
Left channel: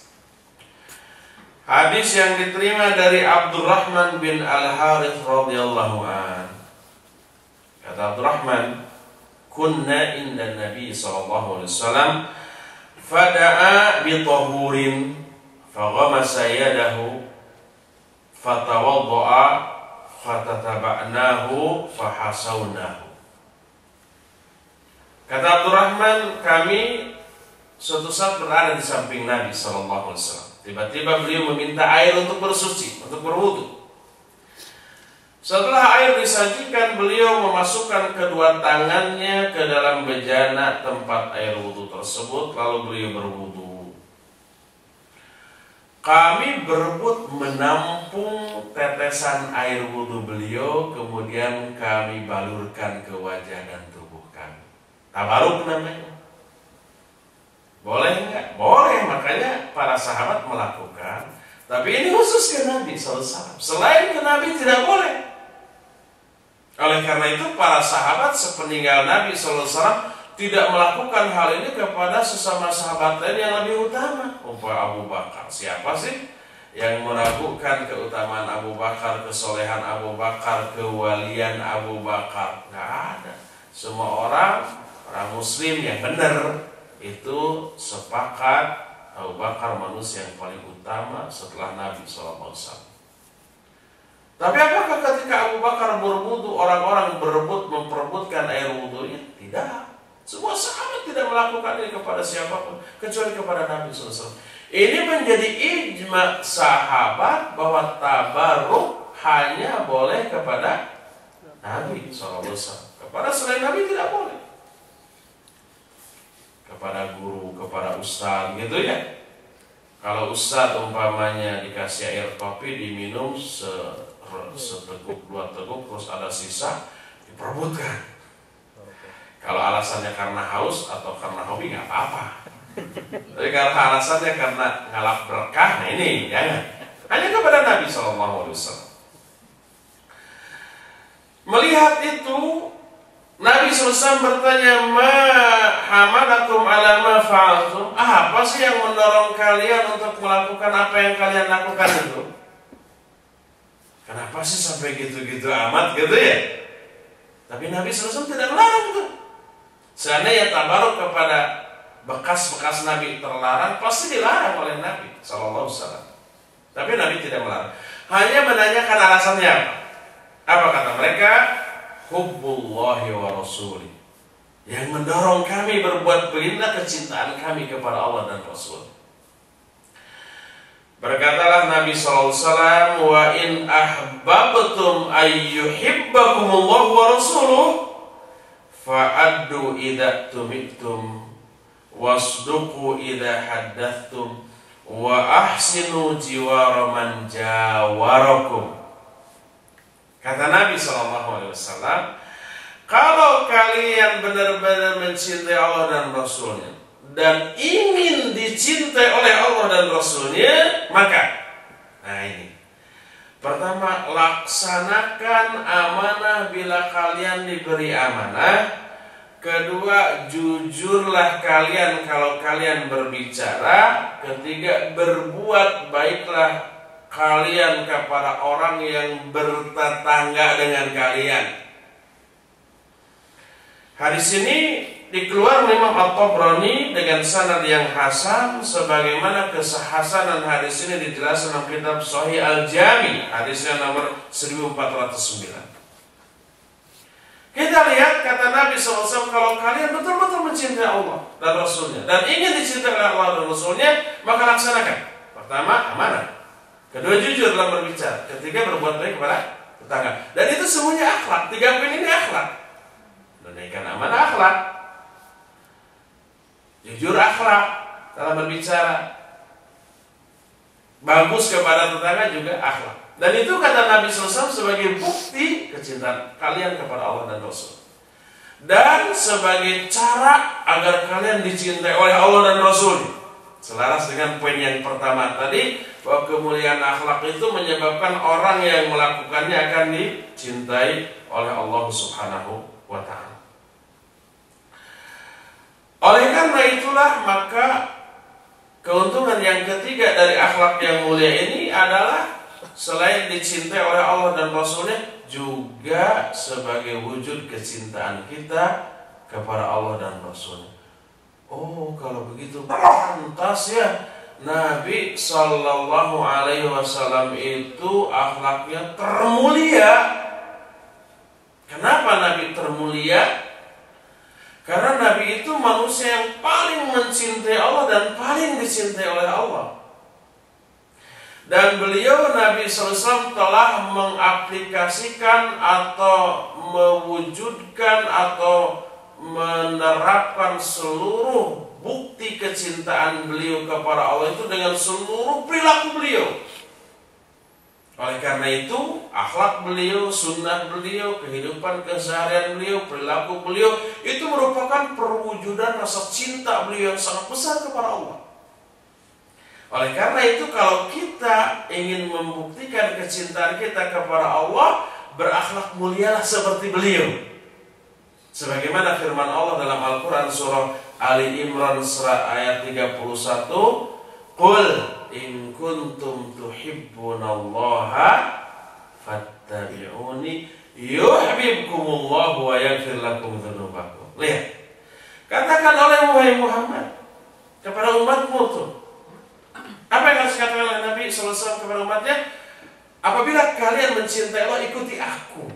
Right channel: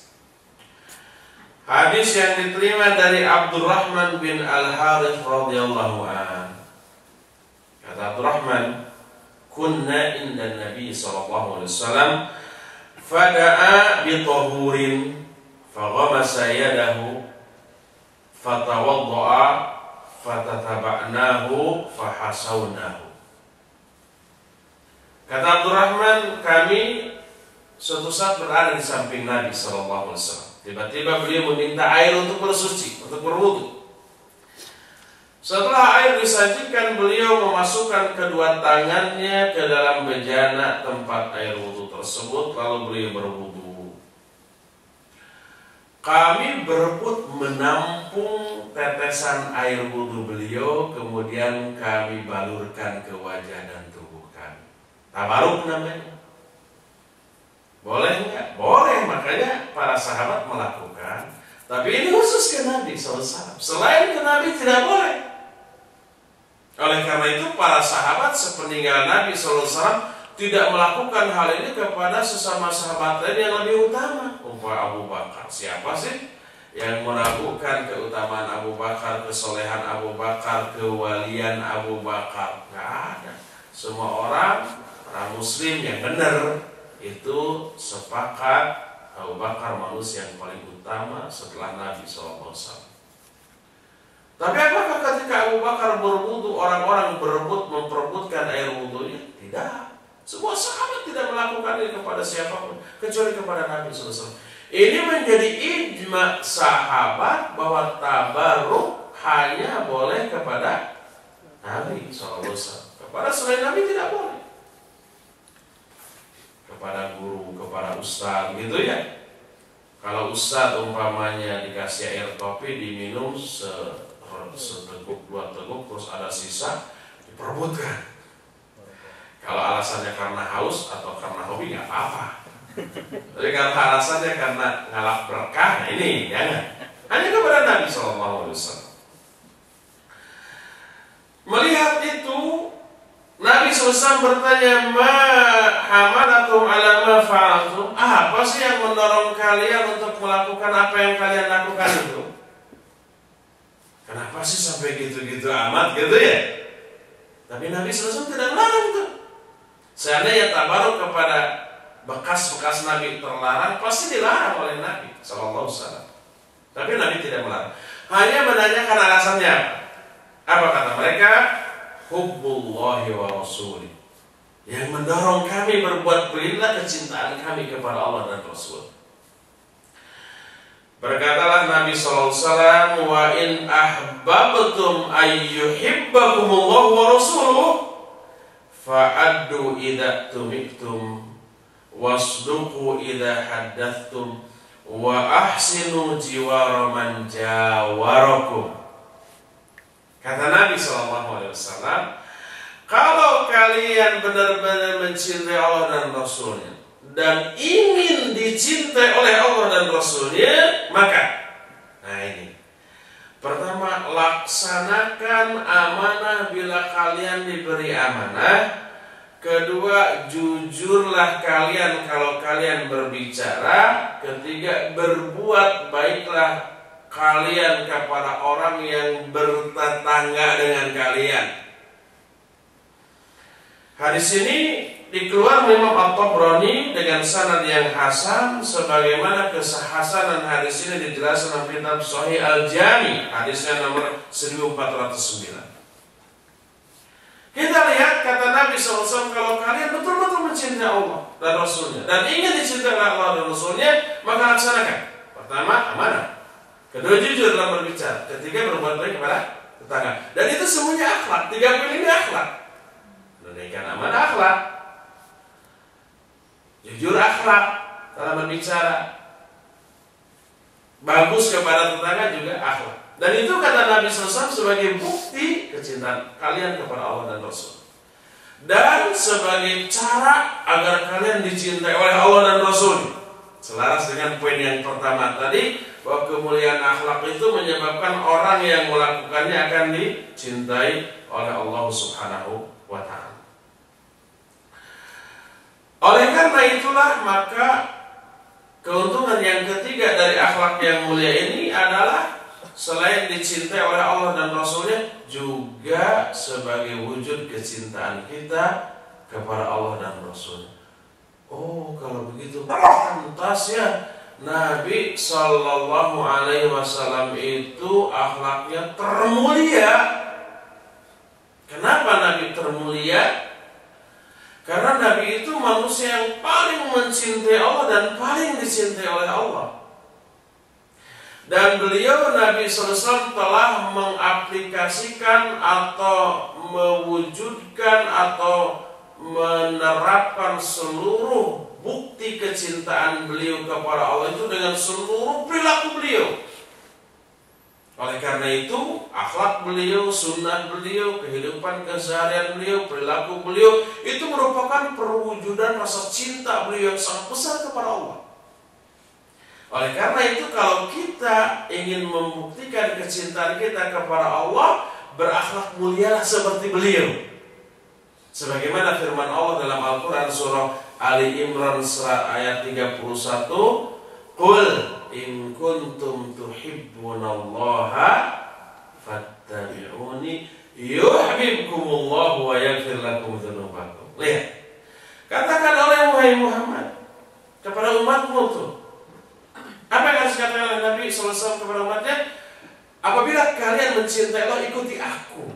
Hadis yang diterima dari Abdurrahman bin Al-Harith radhiyallahu an. Kata Abdurrahman, "Kunna inda Nabi sallallahu alaihi wasallam fada'a bi tahurin faghamasa yadahu fatawadda'a fatataba'nahu fahasawnahu." Kata Abdurrahman, kami suatu saat berada di samping Nabi sallallahu alaihi wasallam. Tiba-tiba beliau meminta air untuk bersuci, untuk berwudu. Setelah air disajikan, beliau memasukkan kedua tangannya ke dalam bejana tempat air wudu tersebut, lalu beliau berwudu. Kami berebut menampung tetesan air wudu beliau, kemudian kami balurkan ke wajah dan tubuh kami. Tabaruk namanya. Boleh enggak? Boleh, makanya para sahabat melakukan. Tapi ini khusus ke Nabi SAW. Selain ke Nabi tidak boleh. Oleh karena itu para sahabat sepeninggal Nabi SAW tidak melakukan hal ini kepada sesama sahabat lain yang lebih utama. Umpama Abu Bakar. Siapa sih yang meragukan keutamaan Abu Bakar, kesolehan Abu Bakar, kewalian Abu Bakar? Nggak ada. Semua orang Muslim yang benar itu sepakat Abu Bakar manusia yang paling utama setelah Nabi SAW. Tapi apakah ketika Abu Bakar berwudu orang-orang berebut memperebutkan air wudunya? Tidak. Semua sahabat tidak melakukan ini kepada siapapun kecuali kepada Nabi SAW. Ini menjadi ijma sahabat bahwa tabaruk hanya boleh kepada Nabi SAW. Kepada selain Nabi tidak boleh. Kepada guru, kepada ustaz gitu ya. Kalau ustaz umpamanya dikasih air kopi diminum seteguk dua teguk terus ada sisa diperebutkan. Kalau alasannya karena haus atau karena hobi nggak apa-apa. Tapi kalau alasannya karena ngalap berkah, nah ini jangan. Hanya kepada Nabi SAW. Melihat itu Nabi SAW bertanya, "Ma hamalakum ala ma fa'altum?" Apa sih yang mendorong kalian untuk melakukan apa yang kalian lakukan itu? Kenapa sih sampai gitu-gitu amat gitu ya? Tapi Nabi SAW tidak melarang tuh. Seandainya tabaruk kepada bekas-bekas Nabi terlarang, pasti dilarang oleh Nabi SAW. Tapi Nabi tidak melarang. Hanya menanyakan alasannya apa? Apa kata mereka? Hubbullahi wa rasulih, yang mendorong kami berbuat beginilah kecintaan kami kepada Allah dan Rasul. Berkatalah Nabi SAW, "Wa in ahbabtum ayyuhibbakumullahu wa rasuluh fa'addu idza tumiktum wasduqu idza haddatstum wa ahsinu jiwara man jawarakum." Kata Nabi SAW, kalau kalian benar-benar mencintai Allah dan Rasulnya dan ingin dicintai oleh Allah dan Rasulnya, maka ini pertama, laksanakan amanah bila kalian diberi amanah. Kedua, jujurlah kalian kalau kalian berbicara. Ketiga, berbuat baiklah kalian kepada orang yang bertetangga dengan kalian. Hadis ini dikeluarkan Imam At-Tabrani dengan sanad yang hasan, sebagaimana kehasanan hadis ini dijelaskan dalam kitab Sahih Al-Jami, hadisnya nomor 1409. Kita lihat kata Nabi SAW, kalau kalian betul-betul mencintai Allah dan Rasulnya dan ingin dicintai oleh Allah dan Rasulnya, maka laksanakan. Pertama, amanah. Kedua, jujur dalam berbicara. Ketiga, berbuat baik kepada tetangga. Dan itu semuanya akhlak. 3 poin ini akhlak. Menunaikan amanah akhlak, jujur akhlak dalam berbicara, bagus kepada tetangga juga akhlak. Dan itu kata Nabi SAW sebagai bukti kecintaan kalian kepada Allah dan Rasul, dan sebagai cara agar kalian dicintai oleh Allah dan Rasul. Selaras dengan poin yang pertama tadi, bahwa kemuliaan akhlak itu menyebabkan orang yang melakukannya akan dicintai oleh Allah Subhanahu wa ta'ala. Oleh karena itulah, maka keuntungan yang ketiga dari akhlak yang mulia ini adalah selain dicintai oleh Allah dan Rasulnya, juga sebagai wujud kecintaan kita kepada Allah dan Rasulnya. Oh, kalau begitu pantas ya Nabi Sallallahu Alaihi Wasallam itu akhlaknya termulia. Kenapa Nabi termulia? Karena Nabi itu manusia yang paling mencintai Allah dan paling dicintai oleh Allah. Dan beliau Nabi SAW telah mengaplikasikan atau mewujudkan atau menerapkan seluruh bukti kecintaan beliau kepada Allah itu dengan seluruh perilaku beliau. Oleh karena itu, akhlak beliau, sunnah beliau, kehidupan keseharian beliau, perilaku beliau itu merupakan perwujudan rasa cinta beliau yang sangat besar kepada Allah. Oleh karena itu, kalau kita ingin membuktikan kecintaan kita kepada Allah, berakhlak mulialah seperti beliau. Sebagaimana firman Allah dalam Al-Quran surah Ali Imran surat ayat 31, Qul in kuntum tuhibbunallaha fattabi'uni yuhibbukumullahu wa yaghfir lakum dzunubakum. Lihat, katakan oleh wahai Muhammad kepada umatmu tuh, apa yang harus dikatakan oleh Nabi SAW kepada umatnya? Apabila kalian mencintai Allah, ikuti aku,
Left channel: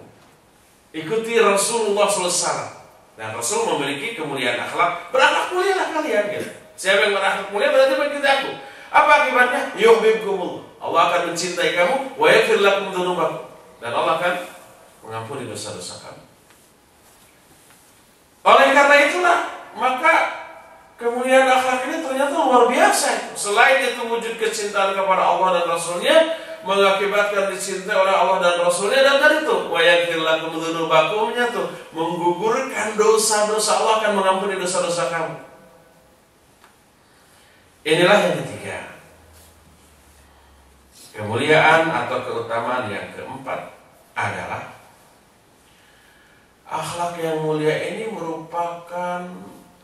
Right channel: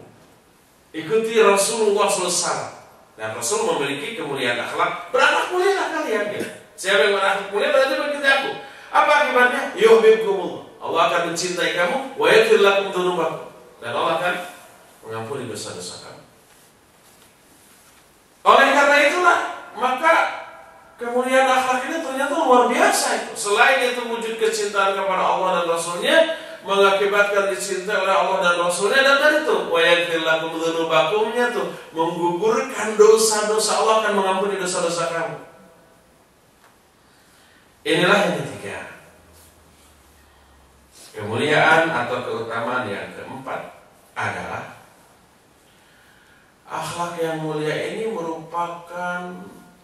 ikuti Rasulullah SAW. Dan Rasul memiliki kemuliaan akhlak, berakhlak mulialah kalian gitu. Siapa yang berakhlak mulia berarti mengikuti aku. Apa akibatnya? Yuhibbukumullah, Allah akan mencintai kamu, wa yaghfir lakum dzunubakum, dan Allah akan mengampuni dosa-dosa kamu. Oleh karena itulah, maka kemuliaan akhlak ini ternyata luar biasa itu. Selain itu wujud kecintaan kepada Allah dan Rasulnya, mengakibatkan dicintai oleh Allah dan Rasulnya, dan tadi itu wa yaghfir lakum dzunubakumnya tuh menggugurkan dosa-dosa, Allah akan mengampuni dosa-dosa kamu. Inilah yang ketiga, kemuliaan atau keutamaan yang keempat adalah akhlak yang mulia ini merupakan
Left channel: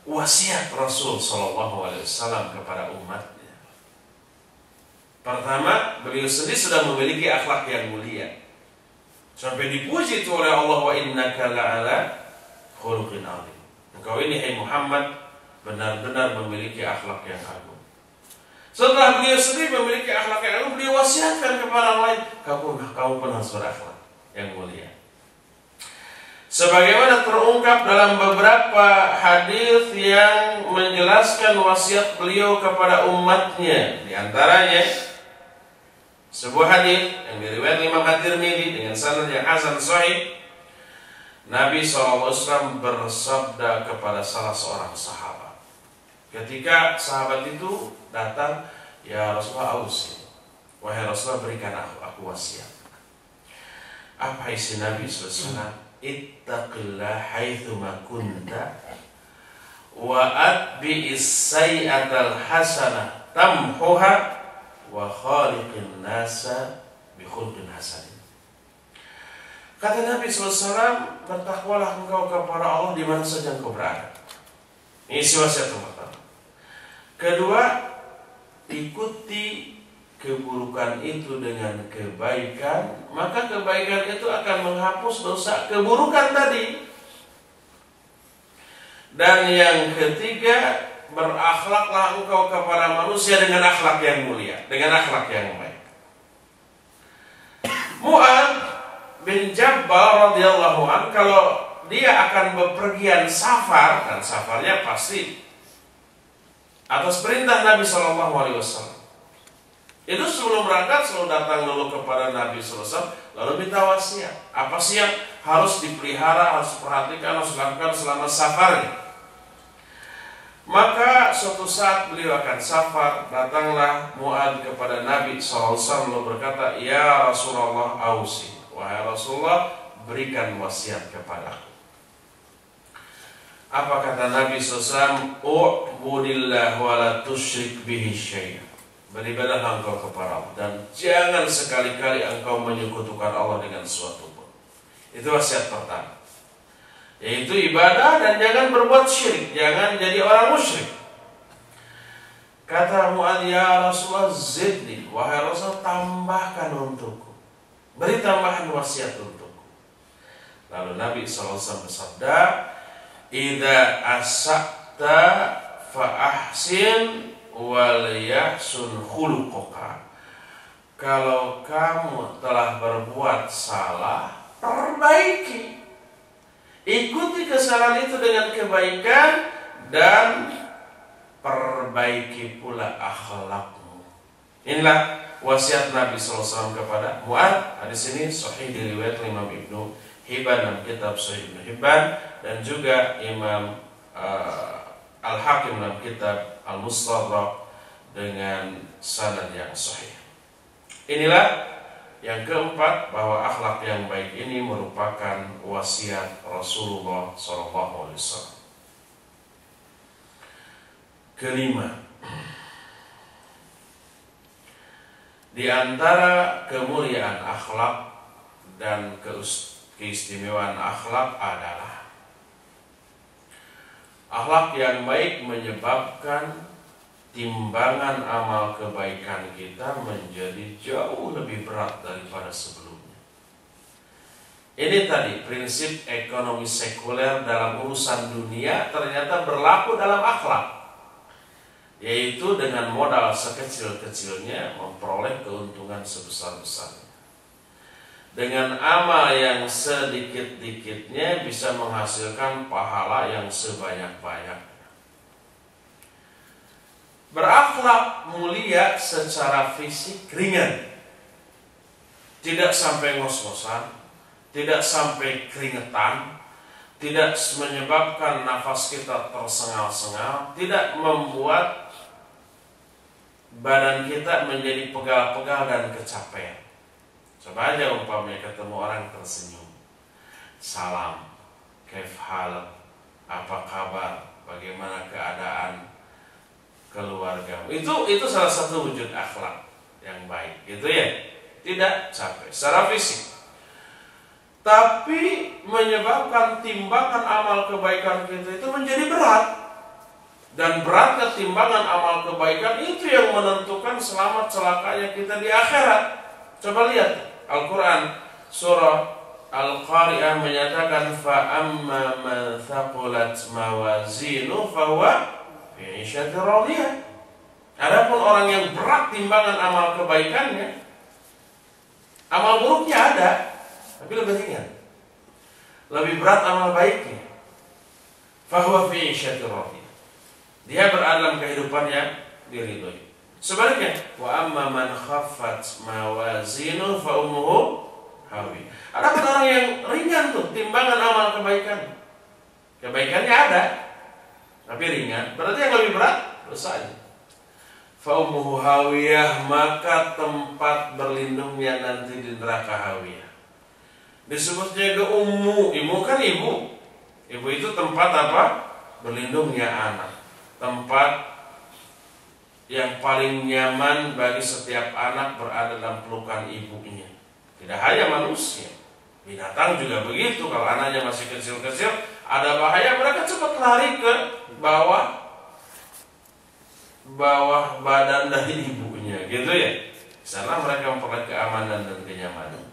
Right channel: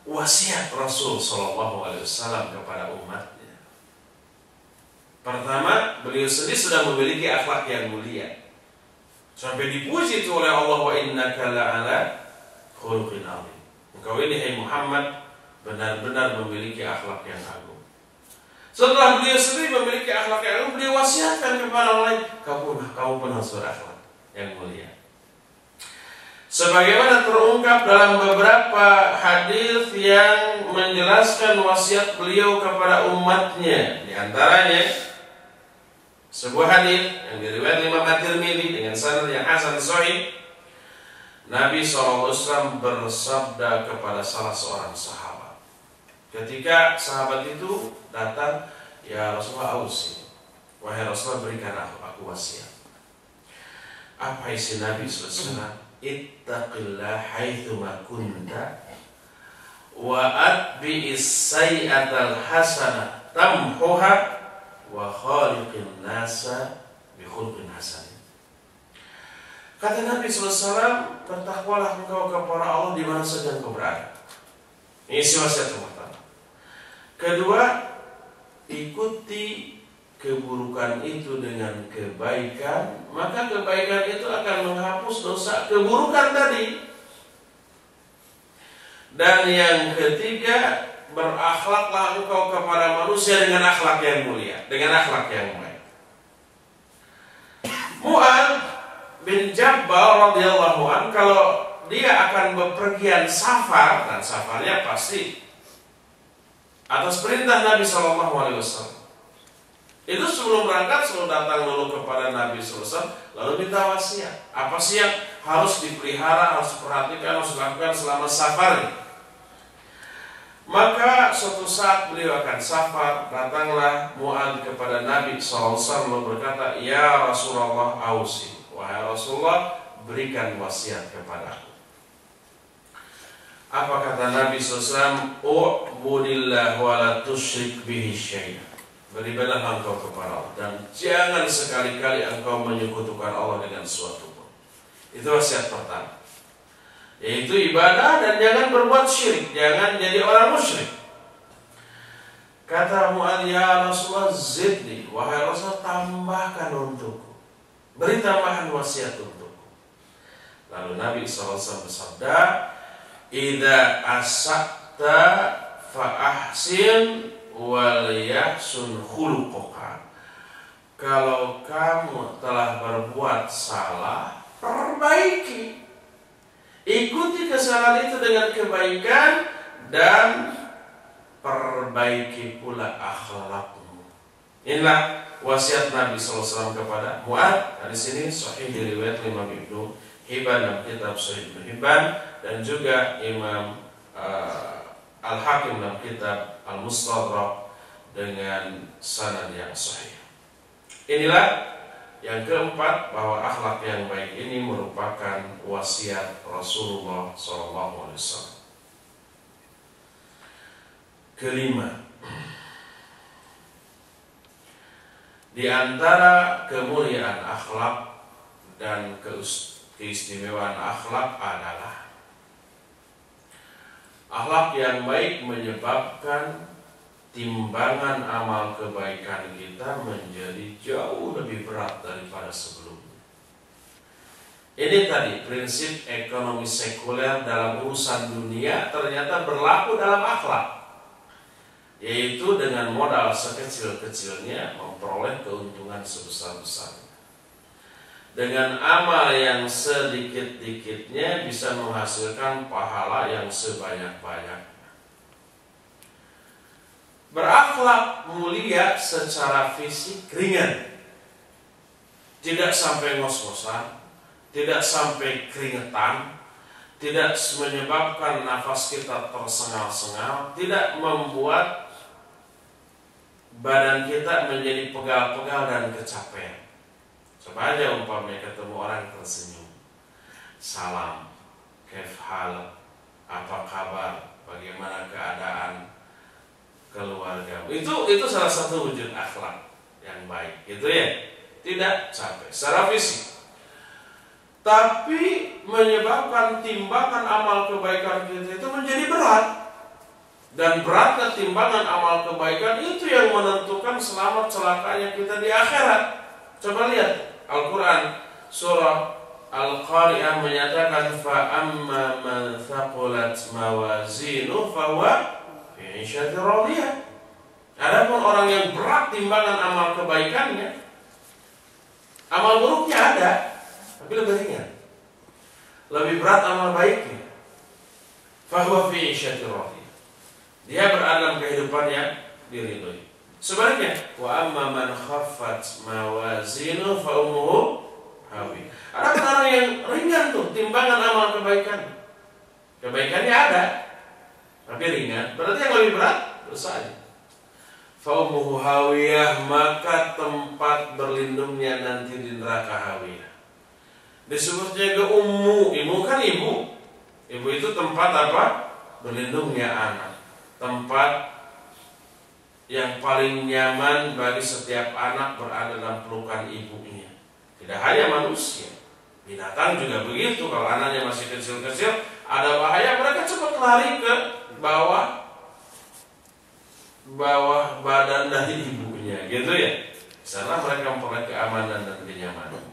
wasiat Rasul Shallallahu Alaihi Wasallam kepada umatnya. Pertama, beliau sendiri sudah memiliki akhlak yang mulia, sampai dipuji itu oleh Allah, wa innaka la'ala khuluqin 'adzim. Engkau ini hai Muhammad benar-benar memiliki akhlak yang agung. Setelah beliau sendiri memiliki akhlak yang agung, beliau wasiatkan kepada orang lain, kamu pun harus berakhlak yang mulia. Sebagaimana terungkap dalam beberapa hadis yang menjelaskan wasiat beliau kepada umatnya, di antaranya sebuah hadis yang diriwayatkan Imam At-Tirmidzi dengan sanad yang hasan sahih. Nabi SAW bersabda kepada salah seorang sahabat, ketika sahabat itu datang, ya Rasulullah, ausi, wahai Rasulullah, berikan aku wasiat. Apa isi Nabi SAW? Ittaqillah haitsuma kunta wa atbi'is sayyi'atal hasanah tamhuha wa khaliqin nasa bi khuluqin hasan. Kata Nabi SAW, bertakwalah engkau kepada Allah di mana saja engkau berada. Ini wasiat yang pertama. Kedua, ikuti keburukan itu dengan kebaikan, maka kebaikan itu akan menghapus dosa keburukan tadi. Dan yang ketiga, berakhlaklah engkau kepada manusia dengan akhlak yang mulia, dengan akhlak yang baik. Mu'adz bin Jabal radhiyallahu anhu, kalau dia akan bepergian safar, dan safarnya pasti atas perintah Nabi SAW. Itu sebelum berangkat selalu datang dulu kepada Nabi SAW, lalu minta wasiat. Apa sih yang harus dipelihara, harus diperhatikan, harus dilakukan selama safarnya. Maka suatu saat beliau akan safar, datanglah Mu'adz kepada Nabi SAW lalu berkata, "Ya Rasulullah ausi, wahai Rasulullah, berikan wasiat kepadaku." Apa kata Nabi SAW? "U'budillah wa la tusyrik bihi syai'an." Beribadahlah engkau kepada Allah dan jangan sekali-kali engkau menyekutukan Allah dengan sesuatu pun. Itu wasiat pertama, yaitu ibadah dan jangan berbuat syirik, jangan jadi orang musyrik. Kata Mu'adz, "Ya Rasulullah zidni, wahai Rasul, tambahkan untukku, beri tambahan wasiat untukku." Lalu Nabi SAW bersabda, "Idza asakta fa ahsin wal yahsun khuluquka." Kalau kamu telah berbuat salah, perbaiki. Ikuti kesalahan itu dengan kebaikan dan perbaiki pula akhlakmu. Inilah wasiat Nabi SAW kepada Mu'adz. Hadis ini sahih diriwayatkan Imam Ibnu Hibban dalam kitab Sahih Ibnu Hibban dan juga Imam Al-Hakim dalam kitab Al-Mustadrak dengan sanad yang sahih. Inilah yang keempat, bahwa akhlak yang baik ini merupakan wasiat Rasulullah SAW. Kelima, di antara kemuliaan akhlak dan keistimewaan akhlak adalah akhlak yang baik menyebabkan timbangan amal kebaikan kita menjadi jauh lebih berat daripada sebelumnya. Ini tadi prinsip ekonomi sekuler dalam urusan dunia ternyata berlaku dalam akhlak, yaitu dengan modal sekecil-kecilnya memperoleh keuntungan sebesar-besarnya. Dengan amal yang sedikit-dikitnya bisa menghasilkan pahala yang sebanyak-banyaknya. Berakhlak mulia secara fisik ringan, tidak sampai ngos-ngosan, tidak sampai keringetan, tidak menyebabkan nafas kita tersengal-sengal, tidak membuat badan kita menjadi pegal-pegal dan kecapean. Coba aja umpamanya ketemu orang tersenyum, salam, kaif hal, apa kabar, bagaimana keadaan keluarga. Itu salah satu wujud akhlak yang baik, gitu ya. Tidak capek secara fisik, tapi menyebabkan timbangan amal kebaikan kita itu menjadi berat. Dan beratnya timbangan amal kebaikan itu yang menentukan selamat celakanya kita di akhirat. Coba lihat Al-Quran surah Al-Qari'ah menyatakan, fa amma man thaqulat mawazinu fahuwa fi 'ishatin radiyah. Adapun orang yang berat timbangan amal kebaikannya, amal buruknya ada, tapi lebih ringan, lebih berat amal baiknya. Fahuwa fi 'ishatin radiyah. Dia berada dalam kehidupannya diridhoi. Sebaliknya, wa amma man khaffat mawazinu fa ummuhu hawi. Ada orang yang ringan tuh timbangan amal kebaikan. Kebaikannya ada, tapi ringan. Berarti yang lebih berat dosanya. Fa ummuhu hawiyah, maka tempat berlindungnya nanti di neraka hawiyah. Disebutnya ke ummu, ibu kan ibu. Ibu itu tempat apa? Berlindungnya anak. Tempat yang paling nyaman bagi setiap anak berada dalam pelukan ibunya. Tidak hanya manusia, Binatang juga begitu, kalau anaknya masih kecil-kecil, ada bahaya, mereka cepat lari ke bawah badan dari ibunya, gitu ya. Sana mereka memperoleh keamanan dan kenyamanan.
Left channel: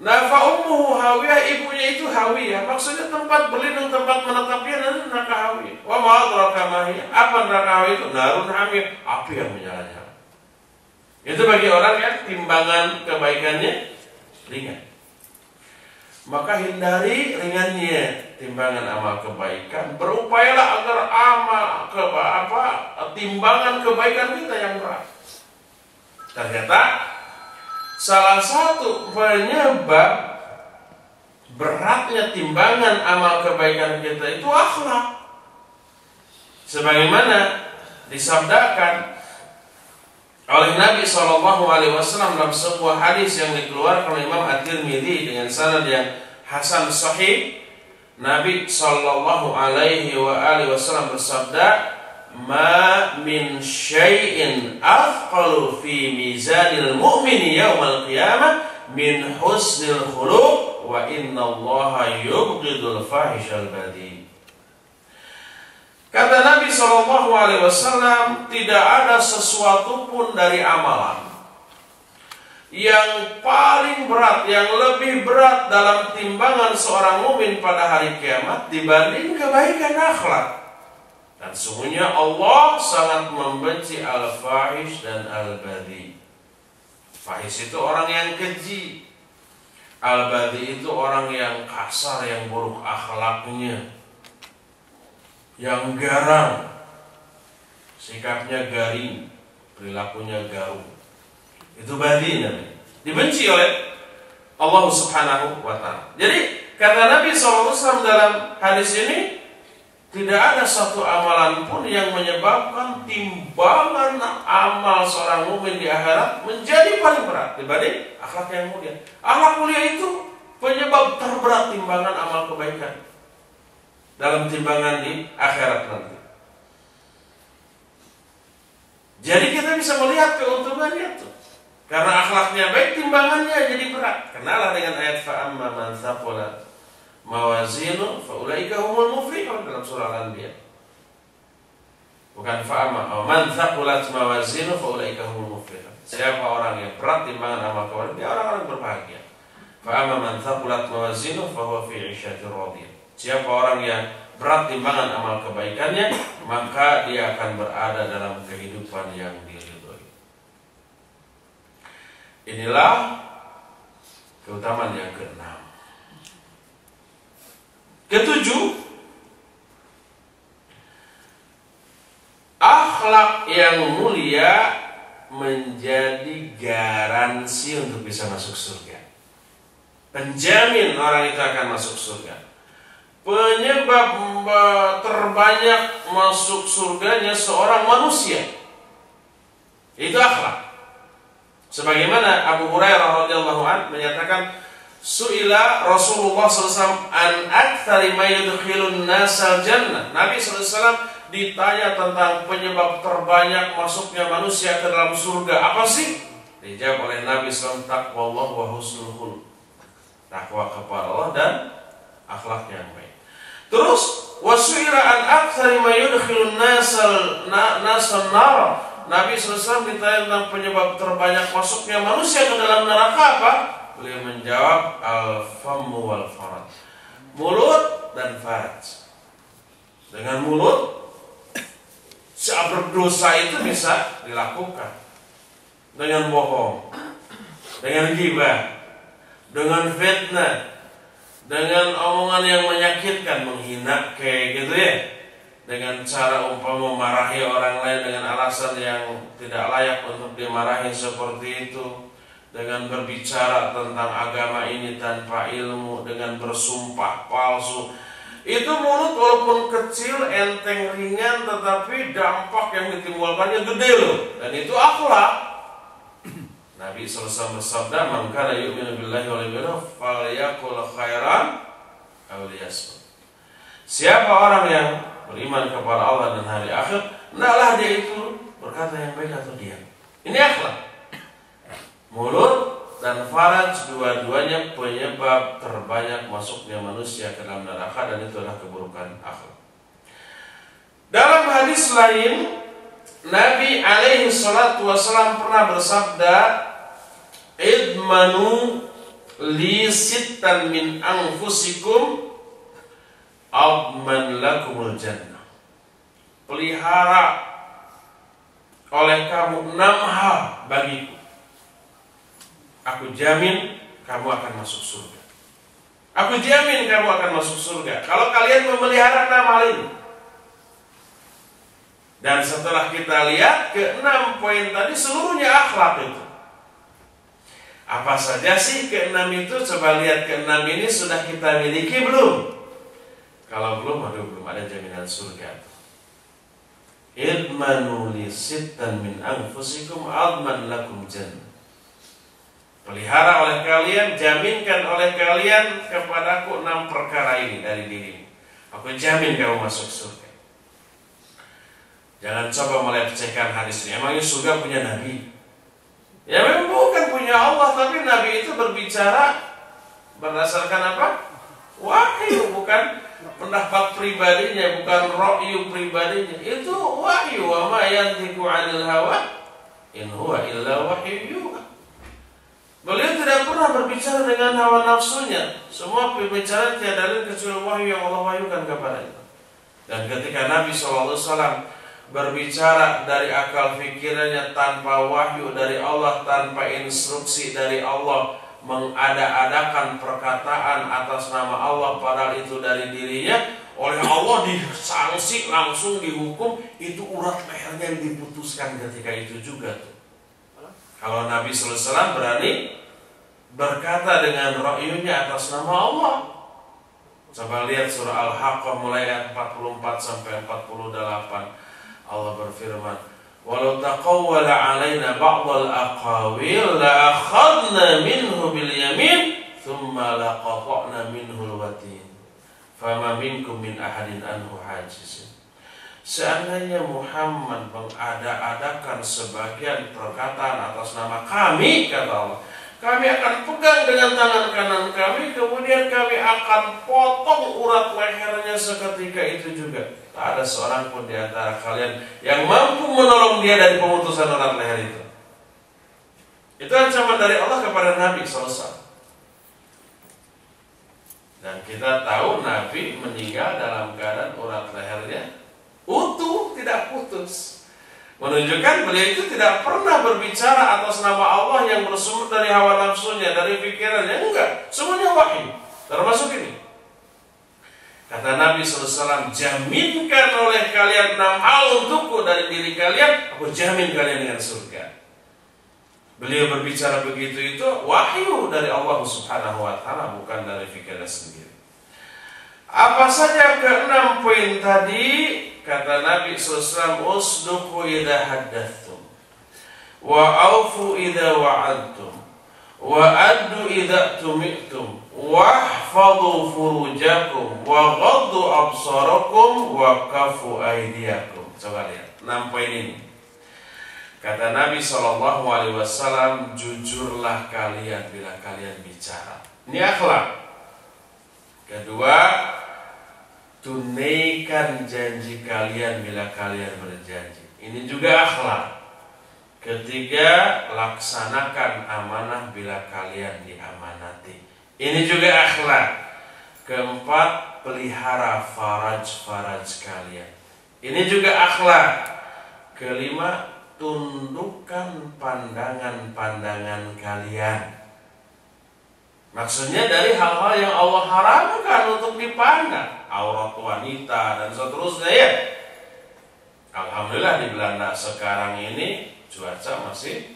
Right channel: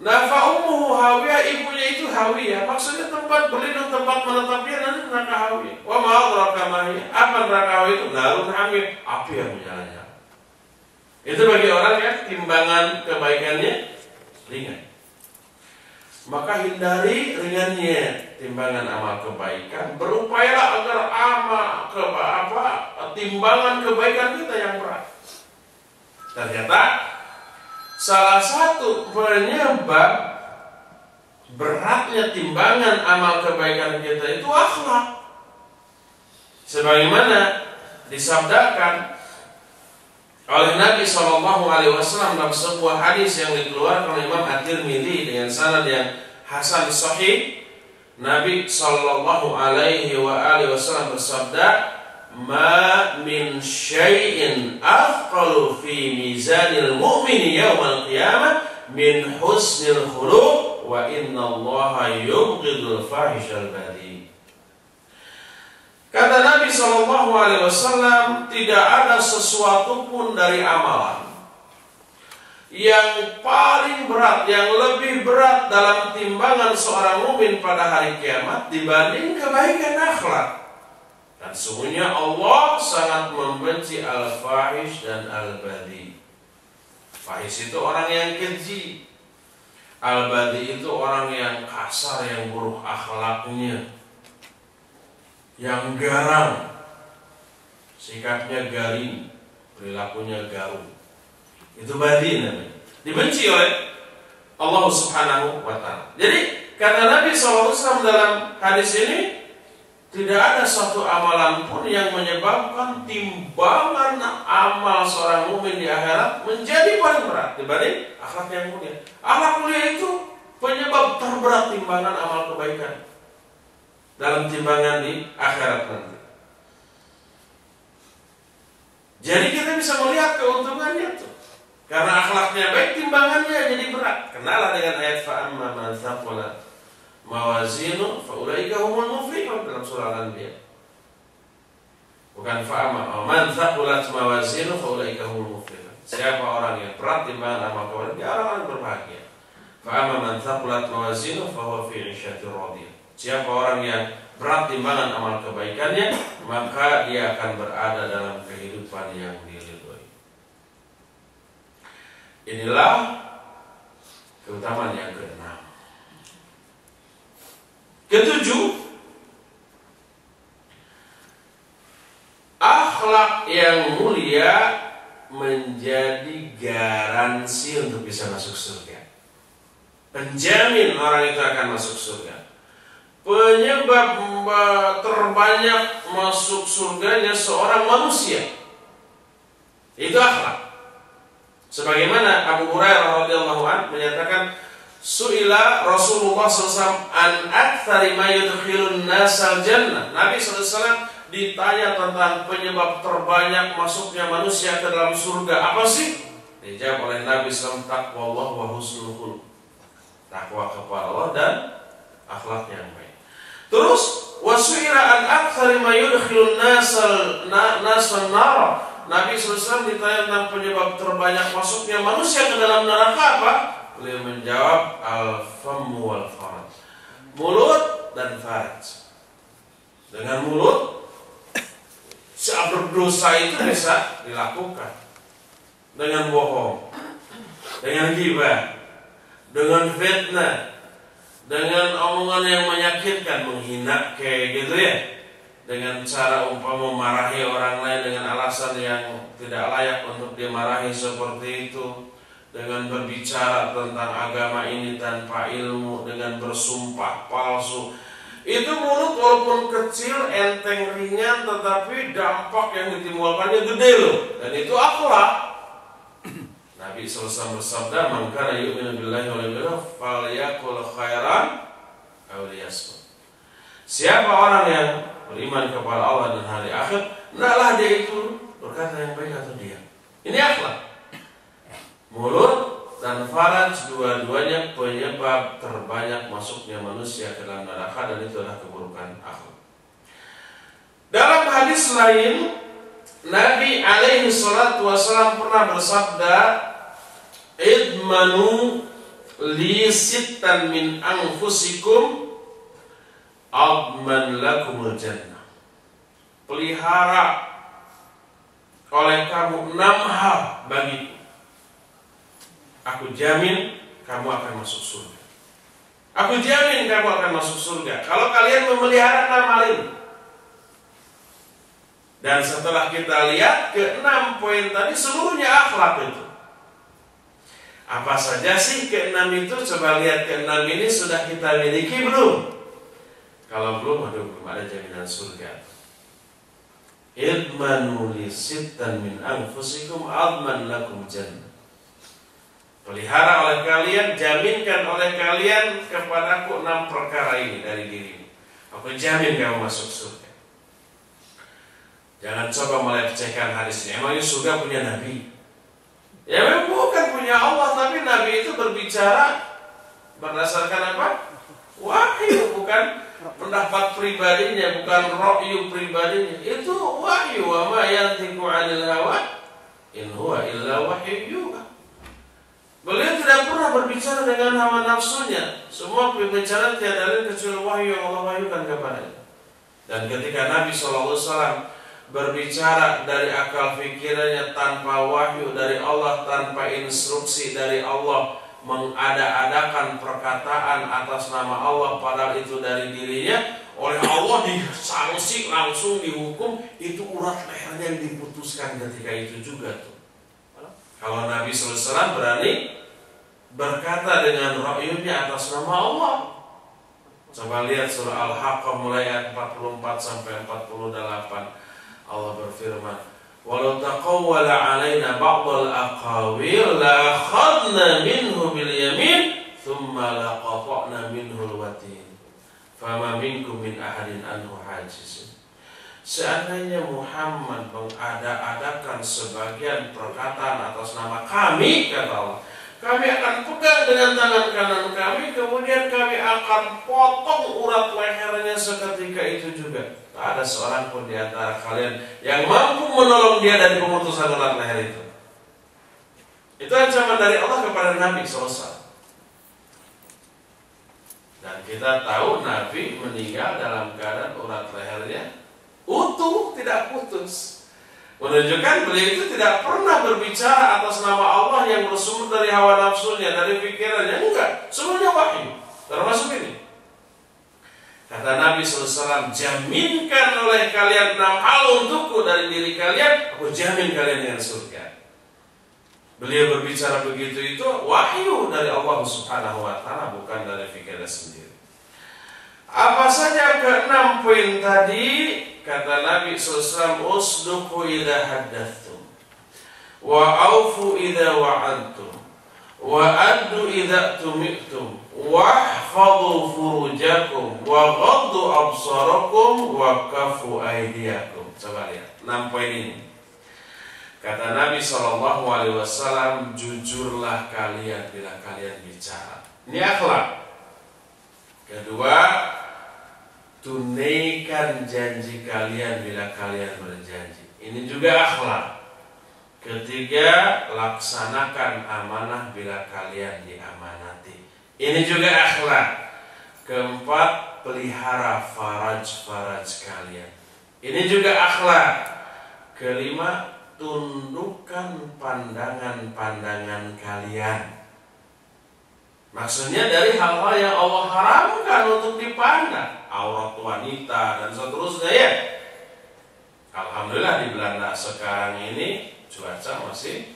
Nah, fa'ummuhu hawiyah, ibunya itu hawiyah, maksudnya tempat berlindung, tempat menetapnya nanti neraka hawiyah. Wa ma adraka ma hiya, apa neraka hawiyah itu? Narun hamiyah, api yang menyala-nyala. Itu bagi orang yang timbangan kebaikannya ringan. Maka hindari ringannya timbangan amal kebaikan. Berupayalah agar timbangan kebaikan kita yang berat. Ternyata salah satu penyebab beratnya timbangan amal kebaikan kita itu akhlak. Sebagaimana disabdakan oleh Nabi SAW dalam sebuah hadis yang dikeluarkan oleh Imam At-Tirmidzi dengan sanad yang hasan sahih, Nabi SAW bersabda, "Ma min syai'in afqalu fi mizanil mu'mini yaumal qiyamah min husnil khuluq wa innallaha yubghidul fahishal badhi." Kata Nabi SAW, tidak ada sesuatu pun dari amalan yang paling berat, yang lebih berat dalam timbangan seorang mukmin pada hari kiamat dibanding kebaikan akhlak. Dan sungguhnya Allah sangat membenci al-fahish dan al-badhi. Fahish itu orang yang keji, al-badhi itu orang yang kasar, yang buruk akhlaknya, yang garang, sikapnya garing, perilakunya garung. Itu badhi namanya. Dibenci oleh Allah Subhanahu wa ta'ala. Jadi kata Nabi SAW dalam hadis ini, tidak ada satu amalan pun yang menyebabkan timbangan amal seorang mukmin di akhirat menjadi paling berat dibanding akhlak yang mulia. Akhlak mulia itu penyebab terberat timbangan amal kebaikan dalam timbangan di akhirat nanti. Jadi kita bisa melihat keuntungannya tuh. Karena akhlaknya baik, timbangannya jadi berat. Kenalah dengan ayat fa'amma man thaqulat mawazinu faulaika humul muflihun dalam surah Al-Anbiya. Bukan fa'amma man thaqulat mawazinu faulaika humul muflihun. Siapa orang yang berat timbangan amal kebaikan, dia orang-orang berbahagia. Fa'amma man thaqulat mawazinu fahuwa fi 'isyatir radiyah. Siapa orang yang berat timbangan amal kebaikannya, maka dia akan berada dalam kehidupan yang diridhoi. Inilah keutamaan yang keenam. Ketujuh, akhlak yang mulia menjadi garansi untuk bisa masuk surga. Penjamin orang itu akan masuk surga. Penyebab terbanyak masuk surganya seorang manusia itu akhlak. Sebagaimana Abu Hurairah radhiyallahu anhu menyatakan, su'ila Rasulullah SAW an aktsari ma yudkhilun nasal jannah. Nabi SAW ditanya tentang penyebab terbanyak masuknya manusia ke dalam surga. Apa sih? Dijawab oleh Nabi SAW, taqwallah wa husnul khuluq. Takwa kepada Allah dan akhlak yang baik. Terus wasu'ila an aktsari ma yudkhilun nasal nar. Nabi SAW ditanya tentang penyebab terbanyak masuknya manusia ke dalam neraka apa? Beliau menjawab al-fammu wal faraj. Mulut dan faraj. Dengan mulut berdosa itu bisa dilakukan. Dengan bohong, dengan ghibah, dengan fitnah, dengan omongan yang menyakitkan, menghina kayak gitu ya, dengan cara umpama memarahi orang lain dengan alasan yang tidak layak untuk dimarahi seperti itu, dengan berbicara tentang agama ini tanpa ilmu, dengan bersumpah palsu. Itu mulut walaupun kecil, enteng, ringan, tetapi dampak yang ditimbulkannya gede loh. Dan itu akhlak. Nabi SAW bersabda, "Man kana yu'minu billahi wal yawmil akhir falyaqul khairan aw liyasmut." Siapa orang yang beriman kepada Allah dan hari akhir, hendaklah dia itu berkata yang baik atau diam. Ini akhlak. Mulut dan dan faraj, dua-duanya penyebab terbanyak masuknya manusia ke dalam neraka, dan itu adalah keburukan akhlak. Dalam hadis lain, Nabi alaihi salatu wasallam pernah bersabda, idmanu li sittan min anfusikum adman lakumul jannah. Pelihara oleh kamu 6 hal bagiku, aku jamin kamu akan masuk surga. Aku jamin kamu akan masuk surga kalau kalian memelihara 6 hal ini. Dan setelah kita lihat ke 6 poin tadi, seluruhnya akhlak itu. Apa saja sih ke 6 itu? Coba lihat ke 6 ini sudah kita miliki belum? Kalau belum, belum ada jaminan surga. Idmanu li sittan min anfusikum adman lakum jannah. Pelihara oleh kalian, jaminkan oleh kalian kepadaku 6 perkara ini dari dirimu. Aku jamin kamu masuk surga. Jangan coba melecehkan hadis ini. Emangnya surga punya Nabi? Ya memang bukan punya Allah, tapi Nabi itu berbicara berdasarkan apa? Wahyu, bukan pendapat pribadinya, bukan ra'yu pribadinya. Itu wahyu. Wa ma yantiqu 'anil hawa in huwa illa wahyu yuha. Beliau tidak pernah berbicara dengan hawa nafsunya. Semua pembicaraan tiada lain kecuali wahyu yang Allah wahyukan kepadanya. Dan ketika Nabi SAW berbicara dari akal pikirannya tanpa wahyu dari Allah, tanpa instruksi dari Allah, mengada-adakan perkataan atas nama Allah padahal itu dari dirinya, oleh Allah disanksi, langsung dihukum, itu urat lehernya yang diputuskan ketika itu juga tuh. Kalau Nabi SAW berani berkata dengan ra'yunya atas nama Allah. Coba lihat surah Al-Haqqah mulai ayat 44 sampai 48. Allah berfirman, "Walau taqawwala 'alaina ba'dal aqawil la akhadna minhu bil yamin thumma laqata'na minhu al-watin fama minkum min ahadin anhu hajizin." Seandainya Muhammad mengada-adakan sebagian perkataan atas nama kami, kata Allah, kami akan pegang dengan tangan kanan kami, kemudian kami akan potong urat lehernya seketika itu juga. Tak ada seorang pun di antara kalian yang mampu menolong dia dari pemutusan urat leher itu. Itu ancaman dari Allah kepada Nabi SAW. Dan kita tahu Nabi meninggal dalam keadaan urat lehernya utuh, tidak putus. Menunjukkan beliau itu tidak pernah berbicara atas nama Allah yang bersumber dari hawa nafsunya, dari pikirannya. Enggak, semuanya wahyu. Termasuk ini. Kata Nabi SAW, jaminkan oleh kalian 6 hal untukku dari diri kalian, aku jamin kalian dengan surga. Beliau berbicara begitu itu wahyu dari Allah Subhanahu wa ta'ala, bukan dari pikirannya sendiri. Apa saja ke-6 poin tadi? Kata Nabi SAW, usduqu idha haddathtum, wa awfu idha wa'adtum, wa addu idha tumi'tum, wahfadhu furujakum, wa ghaddu absarakum, wa kafu aidiakum. Coba lihat 6 poin ini. Kata Nabi SAW, jujurlah kalian bila kalian bicara. Ini akhlak. Kedua, tunaikan janji kalian bila kalian berjanji. Ini juga akhlak. Ketiga, laksanakan amanah bila kalian diamanati. Ini juga akhlak. Keempat, pelihara faraj-faraj kalian. Ini juga akhlak. Kelima, tundukkan pandangan-pandangan kalian. Maksudnya dari hal-hal yang Allah haramkan untuk dipandang, aurat wanita dan seterusnya ya. Alhamdulillah di Belanda sekarang ini cuaca masih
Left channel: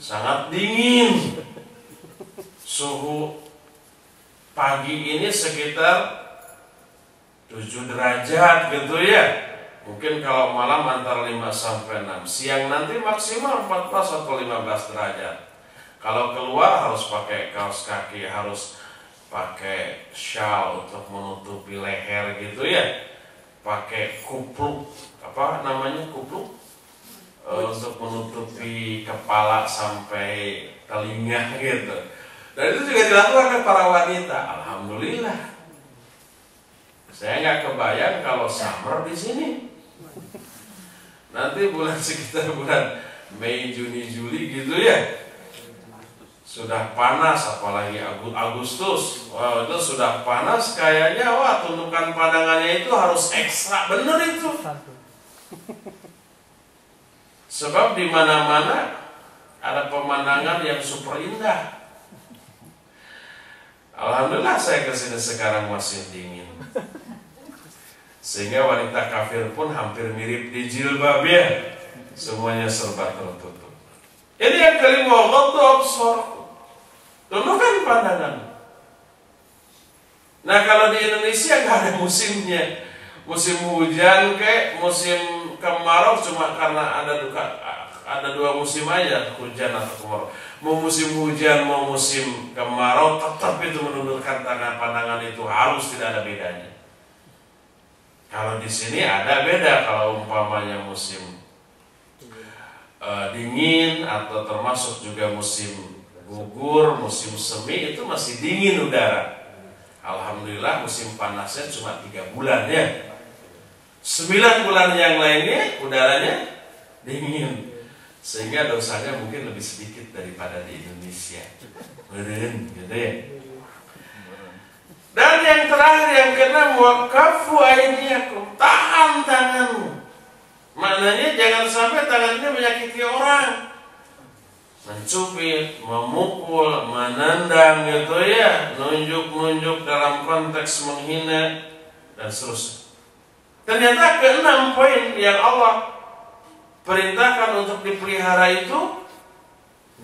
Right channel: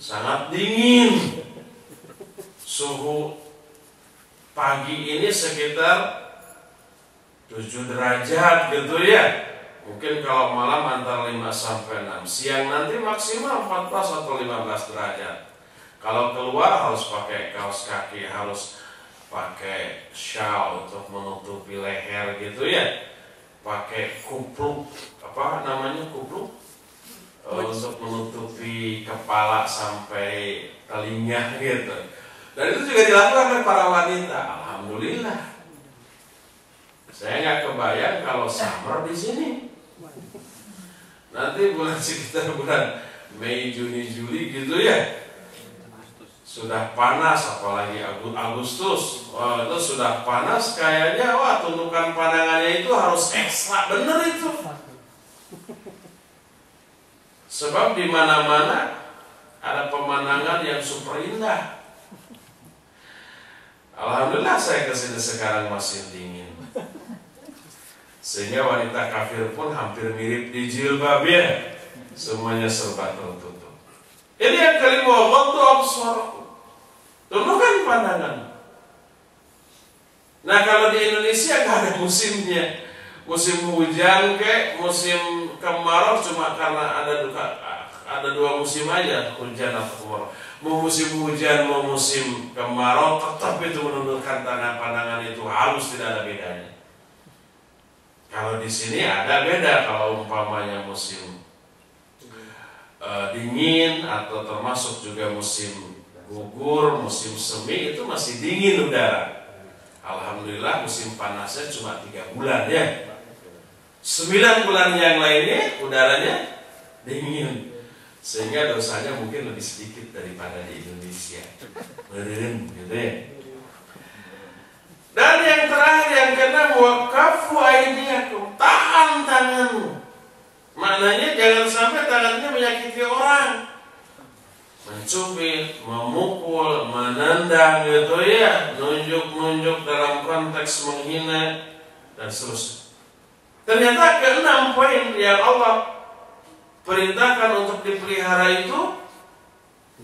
sangat dingin. Suhu pagi ini sekitar 7 derajat gitu ya. Mungkin kalau malam antara 5 sampai 6. Siang nanti maksimal 14 atau 15 derajat. Kalau keluar harus pakai kaos kaki, harus pakai shawl untuk menutupi leher gitu ya. Pakai kupluk, apa namanya kupluk? untuk menutupi kepala sampai telinga gitu. Dan itu juga dilakukan oleh para wanita. Alhamdulillah. Saya nggak kebayang kalau summer di sini. Nanti bulan sekitar bulan Mei, Juni, Juli gitu ya. Sudah panas, apalagi Agustus. Wah, itu sudah panas kayaknya. Wah, tuntukan pandangannya itu harus ekstra bener itu. Sebab di mana-mana ada pemandangan yang super indah. Alhamdulillah saya kesini sekarang masih dingin. Sehingga wanita kafir pun hampir mirip di jilbabnya. Semuanya serba tertutup. Ini yang kelima, ghaddu absar. Tundukkan pandangan. Nah, kalau di Indonesia nggak ada musimnya. Musim hujan kayak musim kemarau cuma karena ada dua musim aja, hujan atau kemarau. Mau musim hujan, mau musim kemarau, tetap itu menundukkan pandangan itu harus, tidak ada bedanya. Kalau di sini ada beda. Kalau umpamanya musim dingin atau termasuk juga musim gugur, musim semi, itu masih dingin udara. Alhamdulillah musim panasnya cuma 3 bulan ya. 9 bulan yang lainnya udaranya dingin, sehingga dosanya mungkin lebih sedikit daripada di Indonesia. Beren, gitu ya. Dan yang terakhir, yang keenam, waqafu aydiyakum, tahan tanganmu. Maknanya jangan sampai tangannya menyakiti orang, mencubit, memukul, menendang gitu ya, nunjuk-nunjuk dalam konteks menghina dan seterusnya. Ternyata keenam poin yang Allah perintahkan untuk dipelihara itu,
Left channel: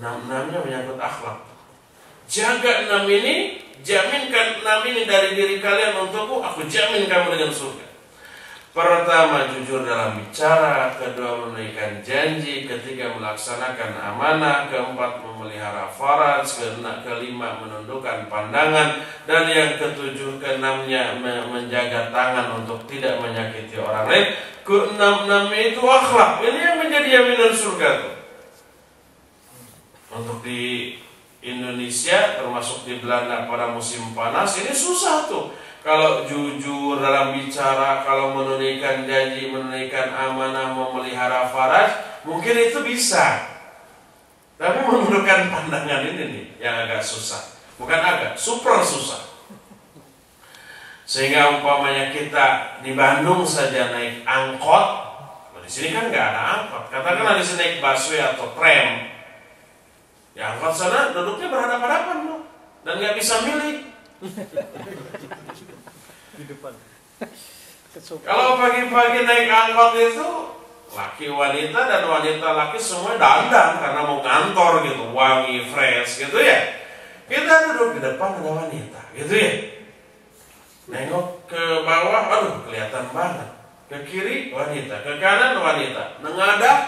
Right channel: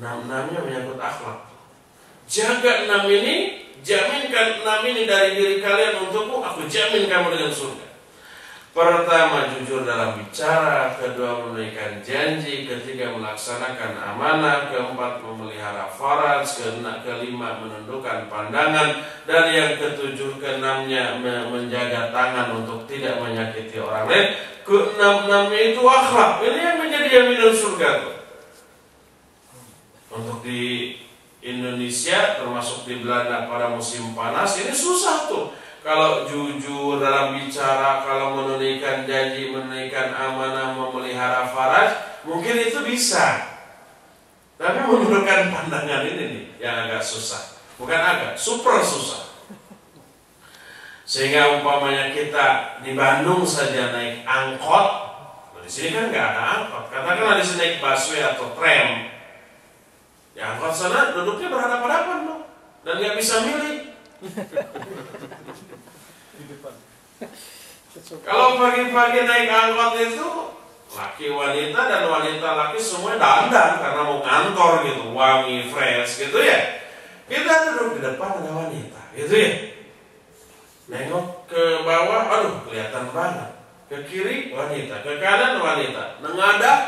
6-6-nya menyangkut akhlak. Jaga 6 ini, jaminkan 6 ini dari diri kalian untukku, aku jamin kamu dengan surga. Pertama, jujur dalam bicara. Kedua, menunaikan janji. Ketiga, melaksanakan amanah. Keempat, memelihara faraj. Kelima, menundukkan pandangan. Dan yang ketujuh, keenamnya menjaga tangan untuk tidak menyakiti orang lain. Keenam itu akhlak. Ini yang menjadi jaminan surga. Untuk di Indonesia, termasuk di Belanda pada musim panas, ini susah tuh. Kalau jujur dalam bicara, kalau menunaikan janji, menunaikan amanah, memelihara faraj, mungkin itu bisa. Tapi menundukkan pandangan ini nih yang agak susah. Bukan agak, super susah. Sehingga umpamanya kita di Bandung saja naik angkot, di sini kan nggak ada angkot. Katakanlah di sini naik busway atau tram, di angkot sana duduknya berhadapan-hadapan loh, dan nggak bisa milih. Di depan. Kalau pagi-pagi naik angkot itu laki wanita dan wanita laki semua dandan karena mau kantor gitu, wangi, fresh gitu ya. Kita duduk di depan ada wanita gitu ya. Nengok ke bawah, aduh kelihatan banget. Ke kiri wanita, ke kanan wanita. Nengadah,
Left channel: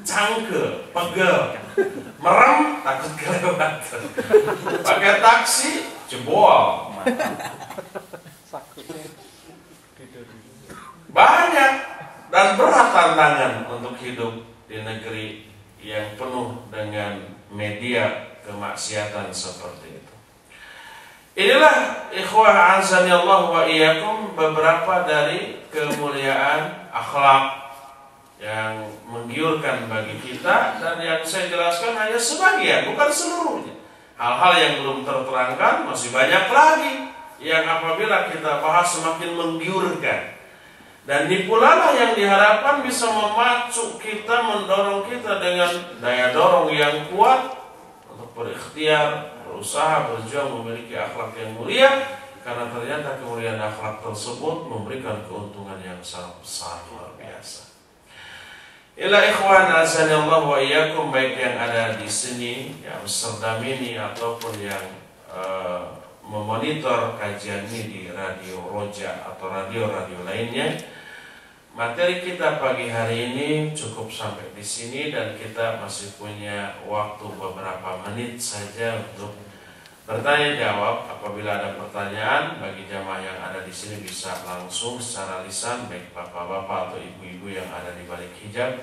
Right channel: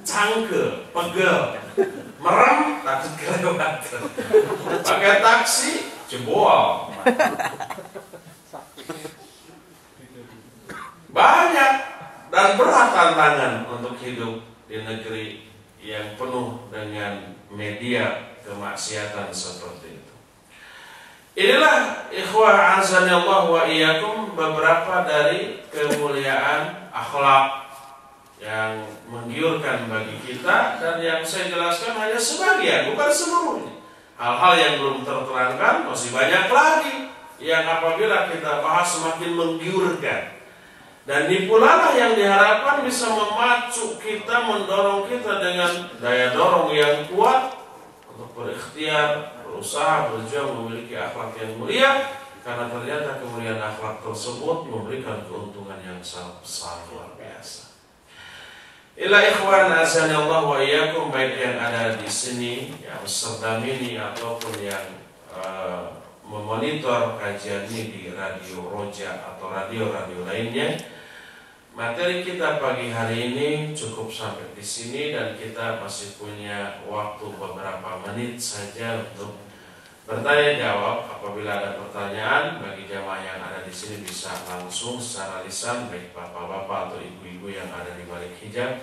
cangkel, pegel, merem, takut kelewatan. Pakai taksi, jebol. Banyak dan berat tantangan untuk hidup di negeri yang penuh dengan media kemaksiatan seperti itu. Inilah ikhwah azani Allah wa iyyakum beberapa dari kemuliaan akhlak yang menggiurkan bagi kita, dan yang saya jelaskan hanya sebagian, bukan seluruhnya. Hal-hal yang belum terterangkan masih banyak lagi yang apabila kita bahas semakin menggiurkan. Dan ini pula lah yang diharapkan bisa memacu kita, mendorong kita dengan daya dorong yang kuat untuk berikhtiar, berusaha, berjuang memiliki akhlak yang mulia. Karena ternyata kemuliaan akhlak tersebut memberikan keuntungan yang sangat besar, luar biasa. Ila ikhwan azani Allah wa iyyakum, baik yang ada di sini, yang Amsterdam ini, ataupun yang memonitor kajian ini di Radio Roja atau radio-radio lainnya. Materi kita pagi hari ini cukup sampai di sini, dan kita masih punya waktu beberapa menit saja untuk bertanya jawab. Apabila ada pertanyaan, bagi jamaah yang ada di sini bisa langsung secara lisan, baik bapak-bapak atau ibu-ibu yang ada di balik hijab.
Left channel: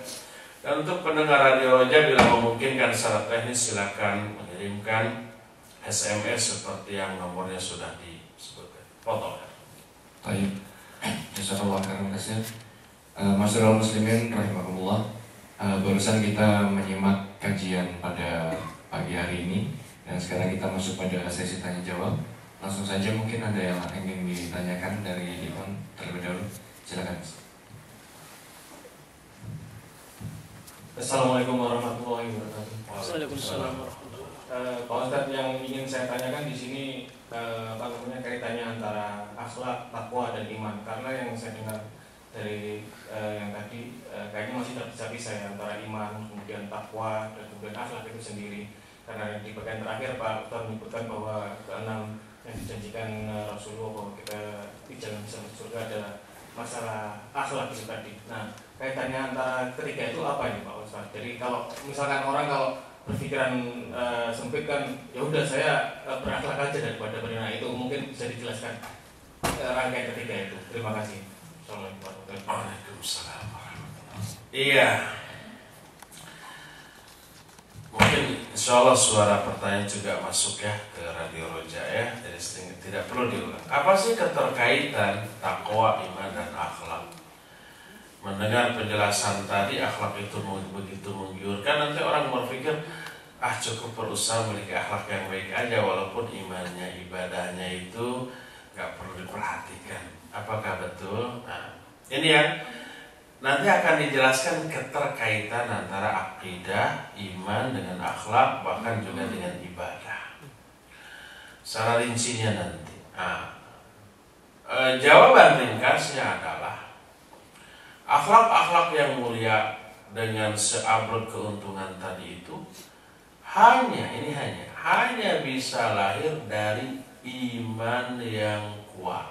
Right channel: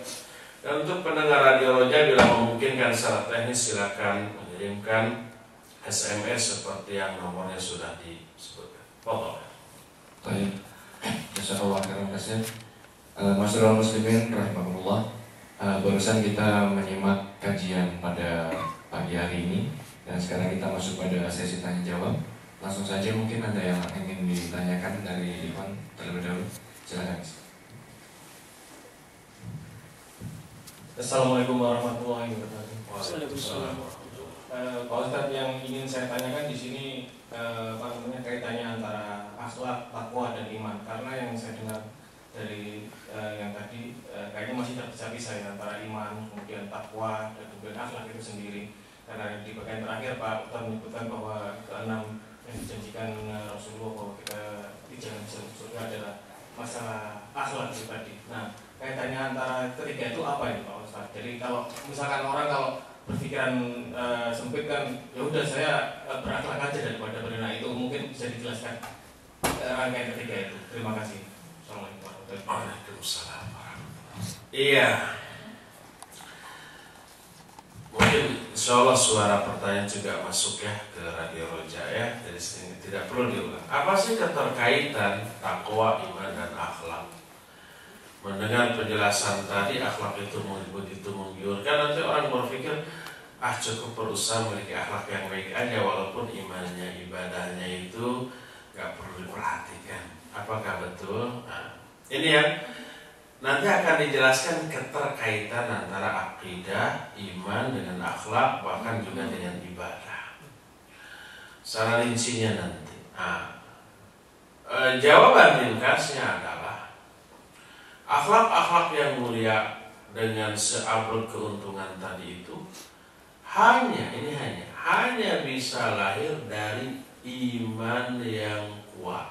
Dan untuk pendengar Radio Roja, bila memungkinkan secara teknis silakan mengirimkan SMS seperti yang nomornya sudah disebutkan. Foto. Baik, Jazakallah khairan katsir. Masyaallah muslimin rahimahullah. Barusan kita menyimak kajian pada pagi hari ini, dan sekarang kita masuk pada sesi tanya jawab. Langsung saja, mungkin ada yang ingin ditanyakan dari Ivan terlebih dahulu. Silakan. Assalamualaikum warahmatullahi wabarakatuh. Waalaikumsalam. Pak Ustadz, yang ingin saya tanyakan di sini kaitannya antara akhlak, takwa dan iman. Karena yang saya dengar dari yang tadi kayaknya masih terpisah-pisah ya, antara iman, kemudian takwa dan kemudian akhlak itu sendiri. Karena di bagian terakhir Pak Ustadz menyebutkan bahwa keenam yang dijanjikan Rasulullah bahwa kita di jalan bisa masuk surga adalah masalah akhlak itu tadi. Nah, kaitannya antara ketiga itu apa ini Pak Ustadz? Jadi kalau misalkan orang kalau berpikiran sempit kan, ya udah saya berakhlak aja daripada berenang, itu mungkin bisa dijelaskan rangkaian ketiga itu. Terima kasih. Assalamualaikum warahmatullahi wabarakatuh. Waalaikumsalam. Iya. Mungkin insyaallah suara pertanyaan juga masuk ya ke Radio Roja ya. Jadi tidak perlu diulang. Apa sih keterkaitan takwa, iman dan akhlak? Mendengar penjelasan tadi, akhlak itu begitu menggiurkan, nanti orang berpikir cukup berusaha memiliki akhlak yang baik aja, walaupun imannya, ibadahnya itu gak perlu diperhatikan. Apakah betul? Nah, ini ya, nanti akan dijelaskan keterkaitan antara akidah, iman dengan akhlak, bahkan juga dengan ibadah secara rincinya nanti. Jawaban ringkasnya adalah akhlak-akhlak yang mulia dengan seabrek keuntungan tadi itu hanya bisa lahir dari iman yang kuat,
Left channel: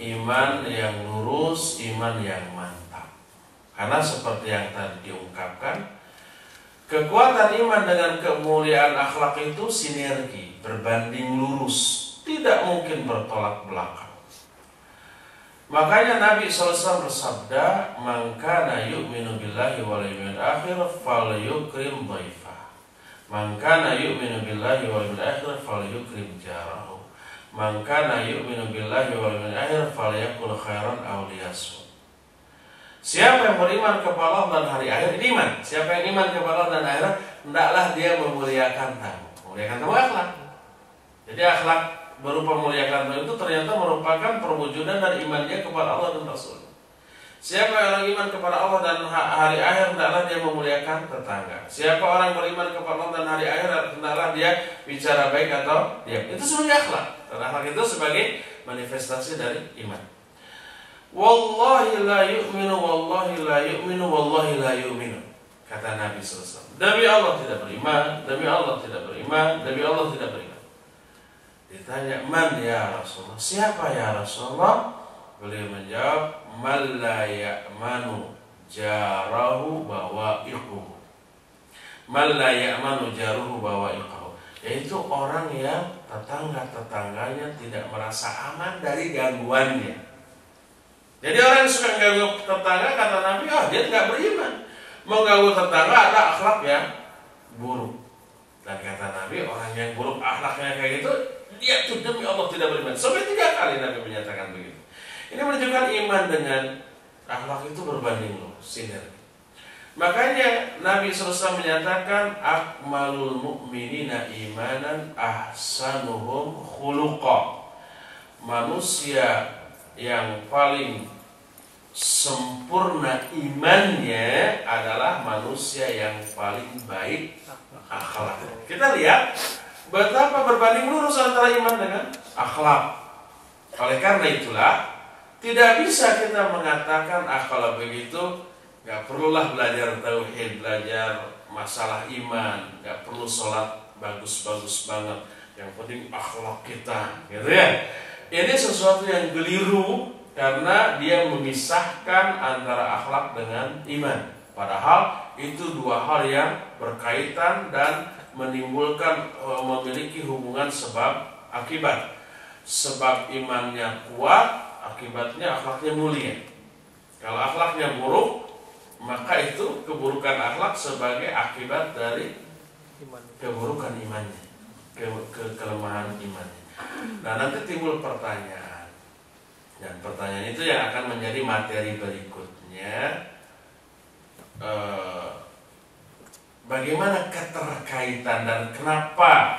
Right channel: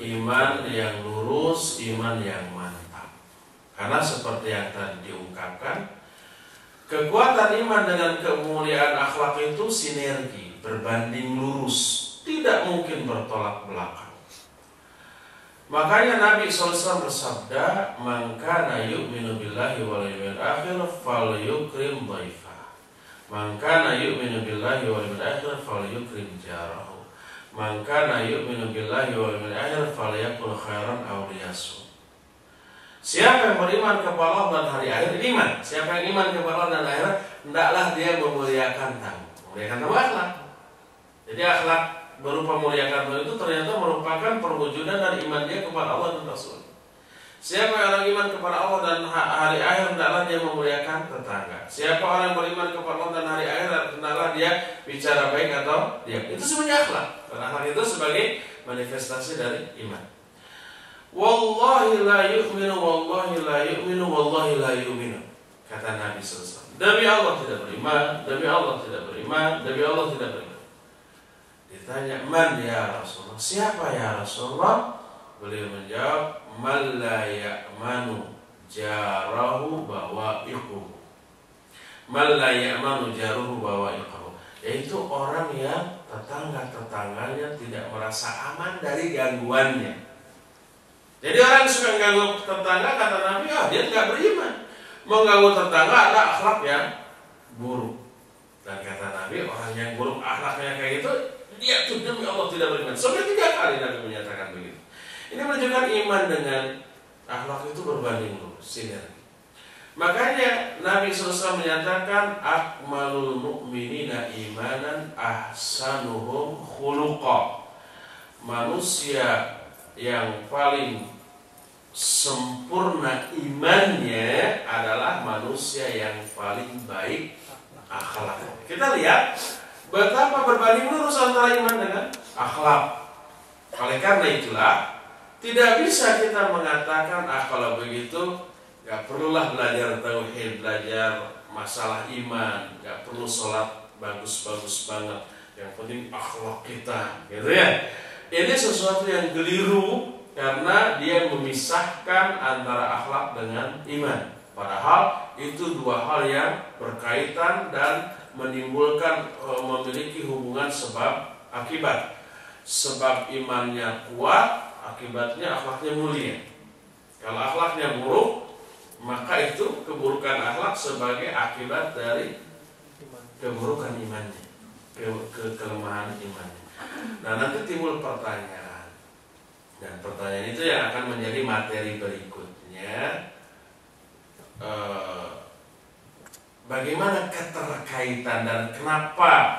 iman yang lurus, iman yang mantap. Karena seperti yang tadi diungkapkan, kekuatan iman dengan kemuliaan akhlak itu sinergi, berbanding lurus, tidak mungkin bertolak belakang. Makanya Nabi SAW bersabda, "Man kana yu'minu billahi wal yawmil akhir falyukrim dhaifah. Man kana yu'minu billahi wal yawmil akhir falyukrim jarahu. Man kana yu'minu billahi wal yawmil akhir falyakul khairan aw liyasmut." Siapa yang beriman kepada Allah dan hari akhir, iman. Siapa yang iman kepada Allah dan akhirat, hendaklah dia memuliakan tamu. Memuliakan tamu akhlak. Jadi akhlak berupa memuliakan itu ternyata merupakan perwujudan dari iman dia kepada Allah dan Rasul. Siapa orang iman kepada Allah dan hari akhir, hendaklah dia memuliakan tetangga. Siapa orang beriman kepada Allah dan hari akhir, hendaklah dia bicara baik atau diam. Itu sebenarnya akhlak. Dan akhlak itu sebagai manifestasi dari iman. Wallahi la yu'minu, wallahi la yu'minu, wallahi la yu'minu, kata Nabi SAW. Demi Allah tidak beriman, demi Allah tidak beriman, demi Allah tidak beriman. Ditanya, man ya Rasulullah, siapa ya Rasulullah? Beliau menjawab, man la ya'manu jarahu bawa'iquhu. Man la ya'manu jaruhu bawa'iquhu, yaitu orang yang tetangga-tetangganya tidak merasa aman dari gangguannya. Jadi orang yang suka mengganggu tetangga, kata Nabi, dia tidak beriman. Mengganggu tetangga ada akhlak yang buruk. Dan kata Nabi, orang yang buruk akhlaknya kayak gitu, dia tuh demi Allah tidak beriman. Sampai 3 kali Nabi menyatakan begitu. Ini menunjukkan iman dengan akhlak itu berbanding lurus, sinergi. Makanya Nabi SAW menyatakan, akmalul mu'minina imanan ahsanuhum khuluqa. Manusia yang paling sempurna imannya adalah manusia yang paling baik akhlak. Kita lihat betapa berbanding lurus antara iman dengan akhlak. Oleh karena itulah tidak bisa kita mengatakan kalau begitu gak perlulah belajar tauhid, belajar masalah iman, gak perlu sholat bagus-bagus banget, yang penting akhlak kita, gitu ya. Ini sesuatu yang keliru karena dia memisahkan antara akhlak dengan iman. Padahal itu 2 hal yang berkaitan dan menimbulkan memiliki hubungan sebab akibat. Sebab imannya kuat, akibatnya akhlaknya mulia. Kalau akhlaknya buruk, maka itu keburukan akhlak sebagai akibat dari keburukan imannya, kelemahan imannya. Nah, nanti timbul pertanyaan, dan pertanyaan itu yang akan menjadi materi berikutnya. Bagaimana keterkaitan dan kenapa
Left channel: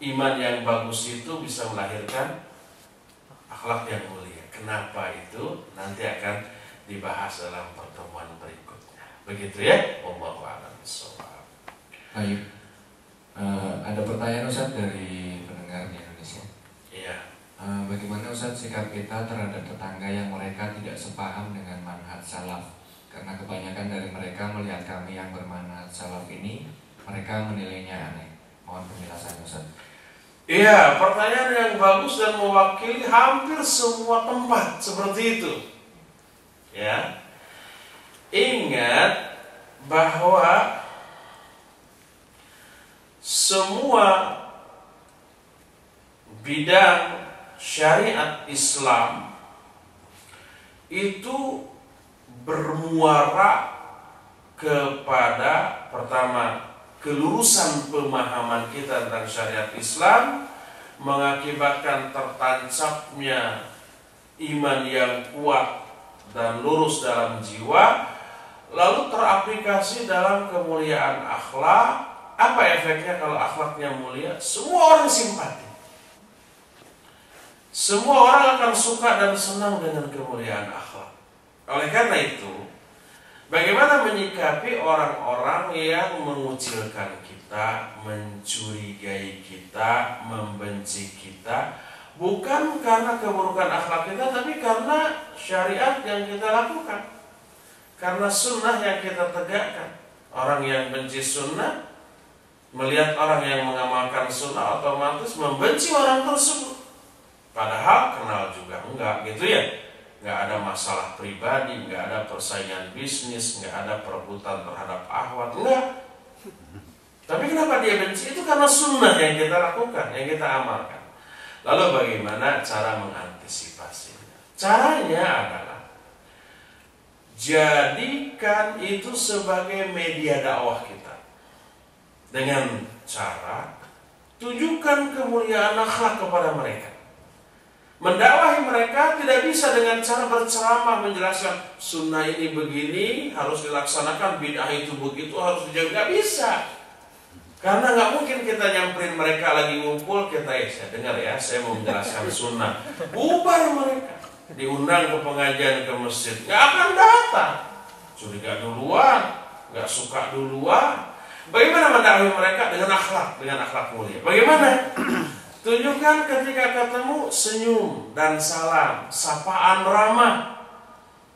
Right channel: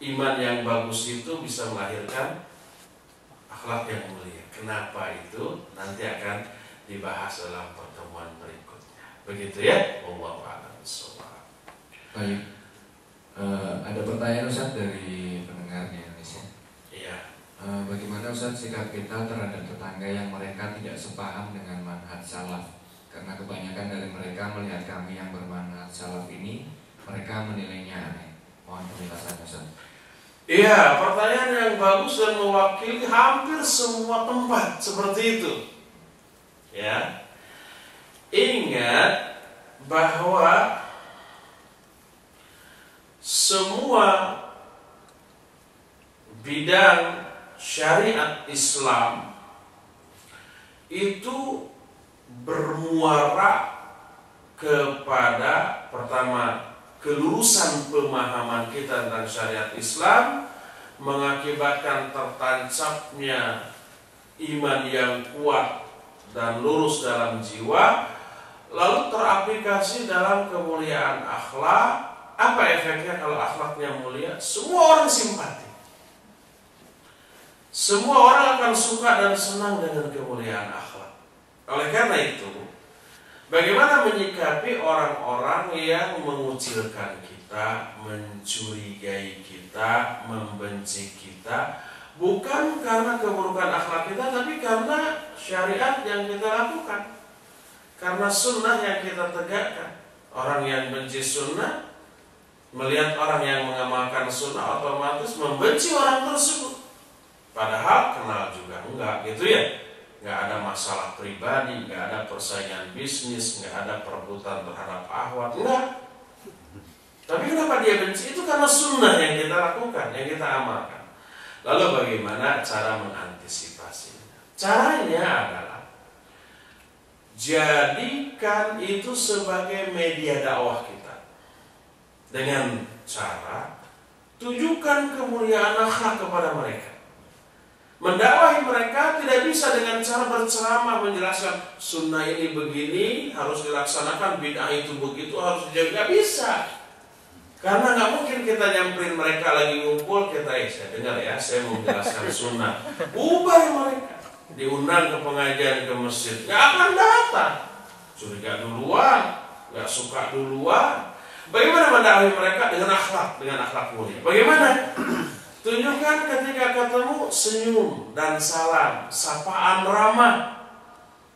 iman yang bagus itu bisa melahirkan akhlak yang mulia? Kenapa itu nanti akan dibahas dalam pertemuan berikutnya. Begitu ya? Wallahu a'lam bishawab. Baik. Ada pertanyaan Ustaz dari pendengar di Indonesia. Iya. Bagaimana Ustaz sikap kita terhadap tetangga yang mereka tidak sepaham dengan manhaj salaf? Karena kebanyakan dari mereka melihat kami yang bermanhaj salaf ini, mereka menilainya aneh. Mohon penjelasan Ustaz. Iya, pertanyaan yang bagus dan mewakili hampir semua tempat seperti itu. Ya. Ingat bahwa semua bidang syariat Islam itu bermuara kepada pertama kelurusan pemahaman kita tentang syariat Islam, mengakibatkan tertancapnya iman yang kuat dan lurus dalam jiwa, lalu teraplikasi dalam kemuliaan akhlak. Apa efeknya kalau akhlaknya mulia? Semua orang simpati, semua orang akan suka dan senang dengan kemuliaan akhlak. Oleh karena itu, bagaimana menyikapi orang-orang yang mengucilkan kita, mencurigai kita, membenci kita, bukan karena keburukan akhlak kita, tapi karena syariat yang kita lakukan, karena sunnah yang kita tegakkan. Orang yang benci sunnah, melihat orang yang mengamalkan sunnah, otomatis membenci orang tersebut. Padahal kenal juga enggak, gitu ya. Enggak ada masalah pribadi, enggak ada persaingan bisnis, enggak ada perebutan terhadap ahwat, enggak. Tapi kenapa dia benci? Itu karena sunnah yang kita lakukan, yang kita amalkan. Lalu bagaimana cara mengantisipasinya? Caranya adalah jadikan itu sebagai media dakwah kita. Dengan cara tujukan kemuliaan akhlak kepada mereka. Mendakwahi mereka tidak bisa dengan cara berceramah menjelaskan sunnah ini begini harus dilaksanakan, bid'ah itu begitu harus dijaga. Nggak bisa, karena nggak mungkin kita nyamperin mereka lagi ngumpul, kita saya dengar ya, saya mau menjelaskan sunnah, bubar mereka, diundang ke pengajian ke masjid, nggak akan datang, curiga duluan, nggak suka duluan. Bagaimana mendakwahi mereka? Dengan akhlak mulia. Bagaimana? Tunjukkan ketika ketemu senyum dan salam, sapaan ramah.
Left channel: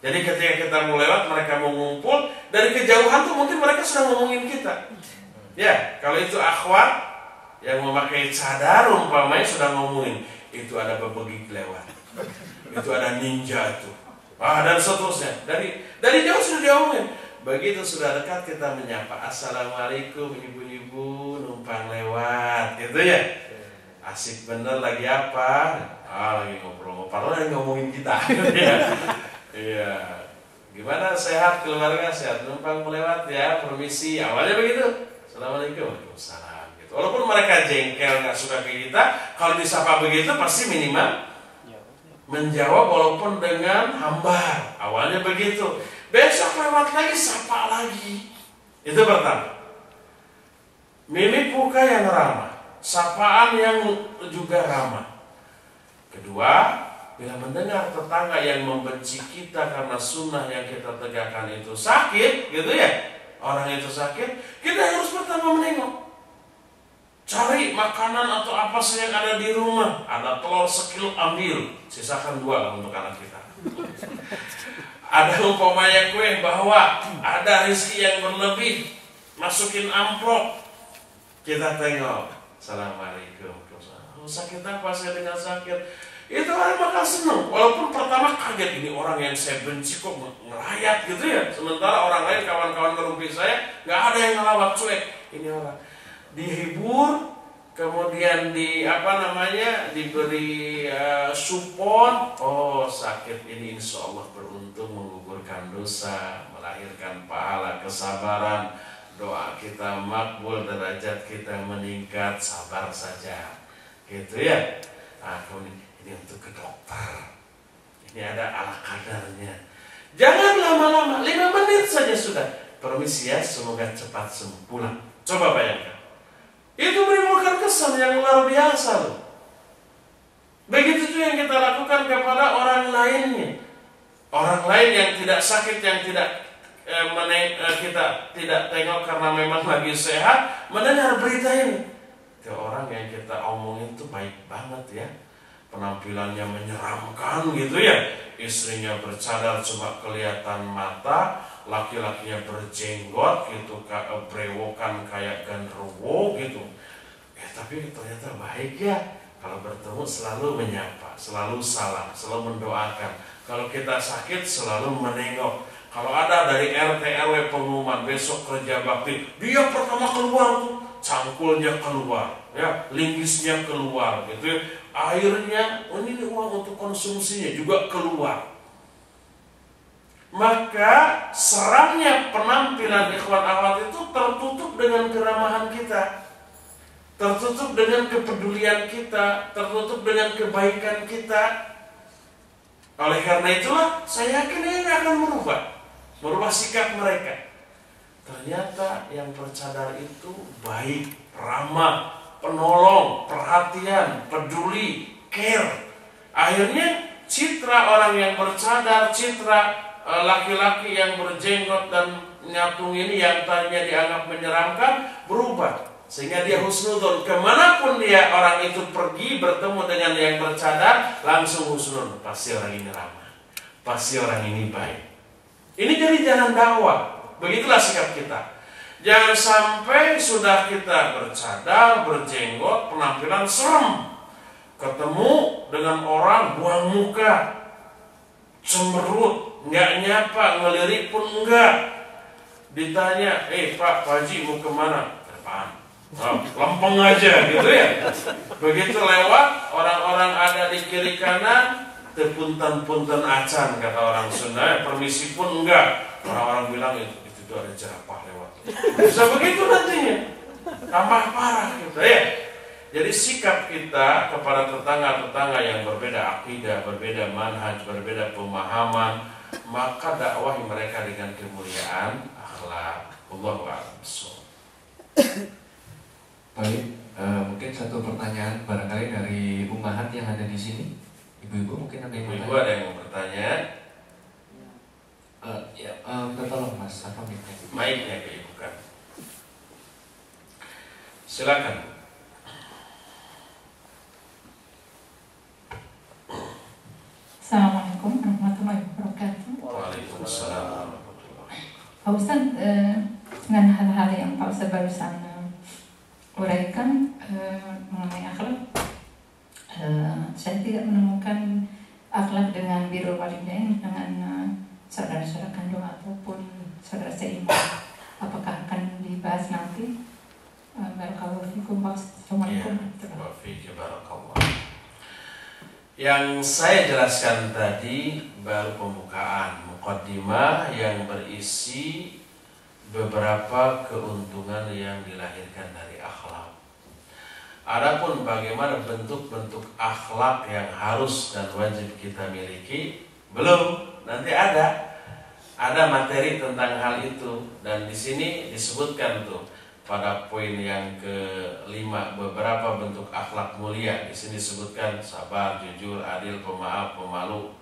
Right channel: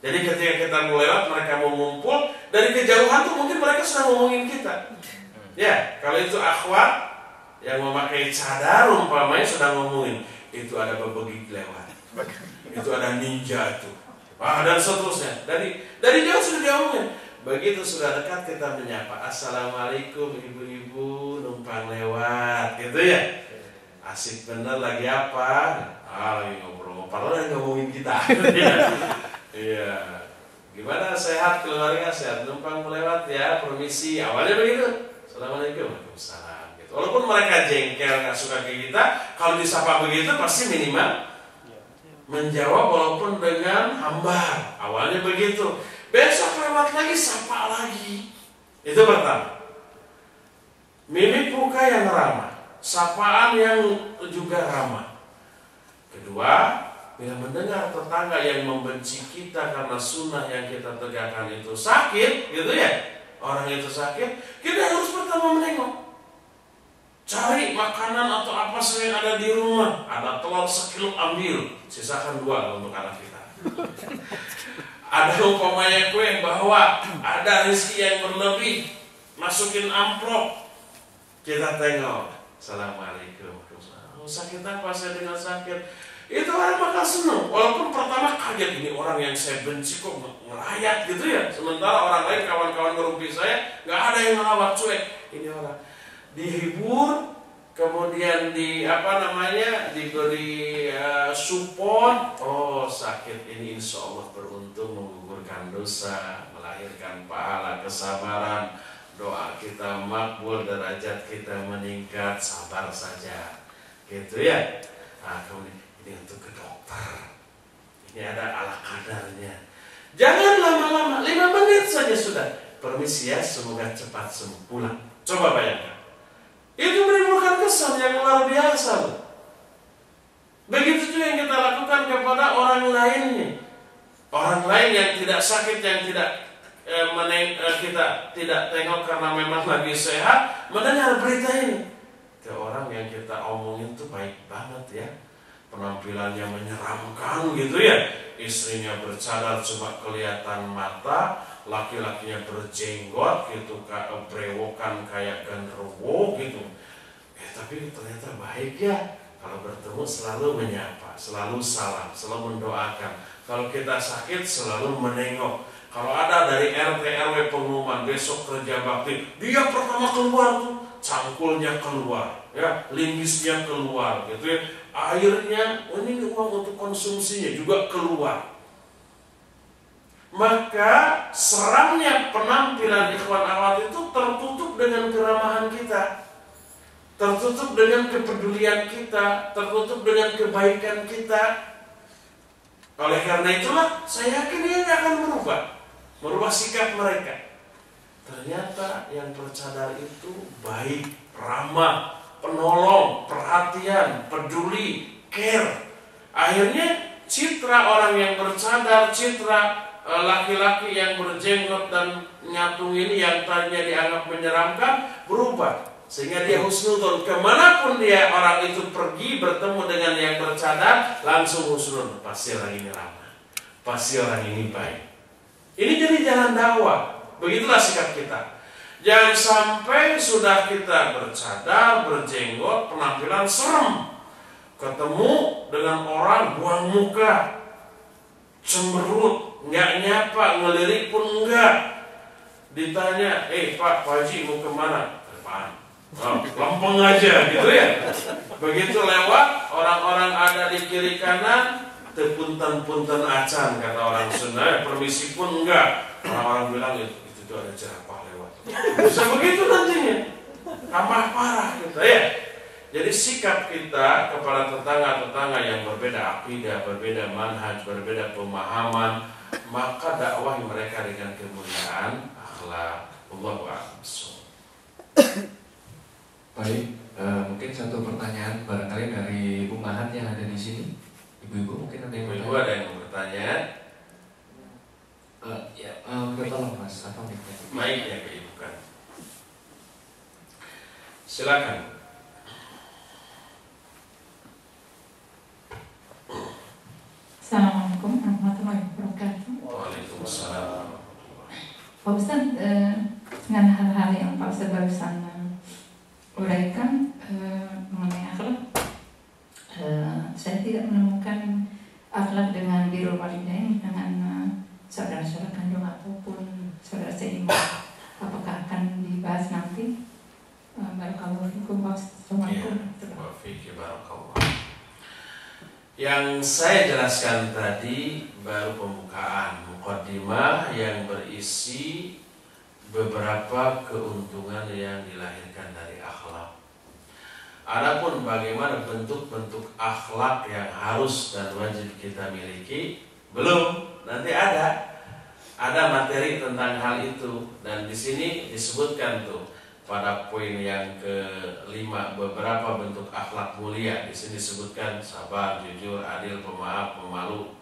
Jadi ketika kita mau lewat, mereka mau ngumpul, dari kejauhan tuh mungkin mereka sudah ngomongin kita. Ya, kalau itu akhwat yang memakai cadar umpamanya sudah ngomongin, itu ada bebegik lewat, itu ada ninja tuh, dan seterusnya. Dari jauh sudah diomongin. Begitu sudah dekat kita menyapa, assalamualaikum ibu-ibu numpang lewat, gitu ya. Asik bener lagi apa? Lagi ngobrol-ngobrol, lagi ngomongin kita. Iya. Gimana sehat keluarga? Sehat, numpang melewat ya, permisi. Awalnya begitu. Assalamualaikum, waalaikumsalam. Gitu. Walaupun mereka jengkel nggak suka ke kita, kalau disapa begitu pasti minimal menjawab walaupun dengan hambar. Awalnya begitu. Besok lewat lagi, sapa lagi. Itu pertama. Mimik muka yang ramah, sapaan yang juga ramah. Kedua, bila mendengar tetangga yang membenci kita karena sunnah yang kita tegakkan itu sakit, gitu ya, orang itu sakit, kita harus pertama menengok. Cari makanan atau apa saja yang ada di rumah. Ada telur sekilo, ambil, sisakan 2 untuk anak kita. Ada umpamanya kue, bawa. Ada rezeki yang berlebih, masukin amplop. Kita tengok, assalamualaikum. Sakit apa? Saya dengan sakit. Itu orang bakal senang. Walaupun pertama kaget, ini orang yang saya benci kok ngelayat gitu ya. Sementara orang lain, kawan-kawan ngerumpi saya, gak ada yang ngelawat, cuek. Ini orang dihibur, kemudian diberi support. Oh, sakit ini insya Allah beruntung menggugurkan dosa, melahirkan pahala, kesabaran, doa kita makbul, derajat kita meningkat, sabar saja. Gitu ya. Nah, kemudian ini untuk ke dokter. Ini ada ala kadarnya. Jangan lama-lama, 5 menit saja sudah. Permisi ya, semoga cepat sembuh, pulang. Coba bayangkan. Itu menimbulkan kesan yang luar biasa loh. Begitu juga yang kita lakukan kepada orang lainnya. Orang lain yang tidak sakit, yang tidak kita tidak tengok karena memang lagi sehat, mendengar berita ini. Ke orang yang kita omongin itu baik banget ya, penampilannya menyeramkan gitu ya, istrinya bercadar cuma kelihatan mata, laki-lakinya berjenggot gitu, brewokan kayak genderuwo gitu. Tapi ternyata baik ya. Kalau bertemu selalu menyapa, selalu salam, selalu mendoakan. Kalau kita sakit selalu menengok. Kalau ada dari RT RW pengumuman besok kerja bakti, dia pertama keluar tuh, cangkulnya keluar, ya, linggisnya keluar, gitu ya. Akhirnya ini uang untuk konsumsinya juga keluar. Maka seramnya penampilan ikhwan akhwat itu tertutup dengan keramahan kita, tertutup dengan kepedulian kita, tertutup dengan kebaikan kita. Oleh karena itulah saya yakin ini akan merubah sikap mereka. Ternyata yang bercadar itu baik, ramah, penolong, perhatian, peduli, care. Akhirnya citra orang yang bercadar, citra laki-laki yang berjenggot dan nyatung ini yang tadinya dianggap menyeramkan berubah. Sehingga dia husnudon, kemanapun dia orang itu pergi bertemu dengan yang bercadar, langsung husnudon. Pasti orang ini ramah, pasti orang ini baik. Ini jadi jalan dakwah. Begitulah sikap kita. Jangan sampai sudah kita bercadar, berjenggot, penampilan serem, ketemu dengan orang buang muka, cemberut, nggak nyapa, ngelirik pun enggak. Ditanya, Pak Haji mau kemana? Ke depan. Lempeng aja gitu ya. Begitu lewat, orang-orang ada di kiri kanan, tepunten-punten acan kata orang Sunda, permisi pun enggak. Orang-orang bilang itu ada jerapah lewat. Bisa begitu nantinya, tambah parah gitu ya. Jadi sikap kita kepada tetangga-tetangga yang berbeda akidah, berbeda manhaj, berbeda pemahaman, maka dakwah mereka dengan kemuliaan akhlak. Allahu a'lam. Baik, mungkin satu pertanyaan barangkali dari umahat yang ada di sini. Ibu-ibu mungkin ada yang Ibu-ibu ada yang bertanya? Tolong Mas, apa mikrofon? Mic-nya keibukan. Silakan. Assalamualaikum warahmatullahi wabarakatuh. Waalaikumsalam warahmatullahi. Pak Ustaz, dengan hal-hal yang Pak Ustaz barusan uraikan mengenai akhlak, saya tidak menemukan akhlak dengan birrul walidain, dengan saudara-saudara kandung ataupun saudara seiman. Apakah akan dibahas nanti? Barakallahu fikum. Assalamualaikum. Barakallahu. Yang saya jelaskan tadi baru pembukaan, muqaddimah yang berisi beberapa keuntungan yang dilahirkan dari akhlak. Adapun bagaimana bentuk-bentuk akhlak yang harus dan wajib kita miliki, belum. Nanti ada materi tentang hal itu, dan di sini disebutkan tuh pada poin yang ke-5 beberapa bentuk akhlak mulia. Di sini disebutkan sabar, jujur, adil, pemaaf, pemalu,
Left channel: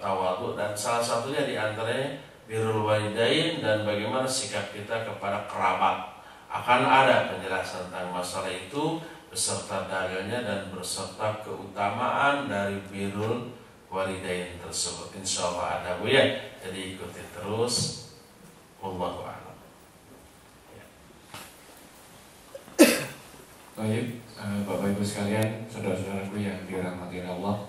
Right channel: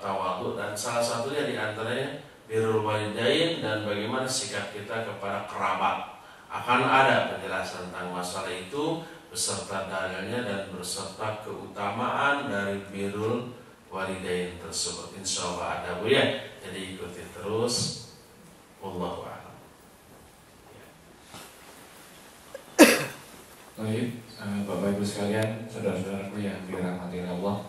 tawadhu, dan salah satunya di antaranya birrul walidain dan bagaimana sikap kita kepada kerabat. Akan ada penjelasan tentang masalah itu beserta dalilnya dan beserta keutamaan dari birrul walidain tersebut. Insyaallah ada Bu ya. Jadi ikuti terus. Wallahu a'lam. Baik, Bapak Ibu sekalian, saudara-saudaraku yang dirahmati Allah.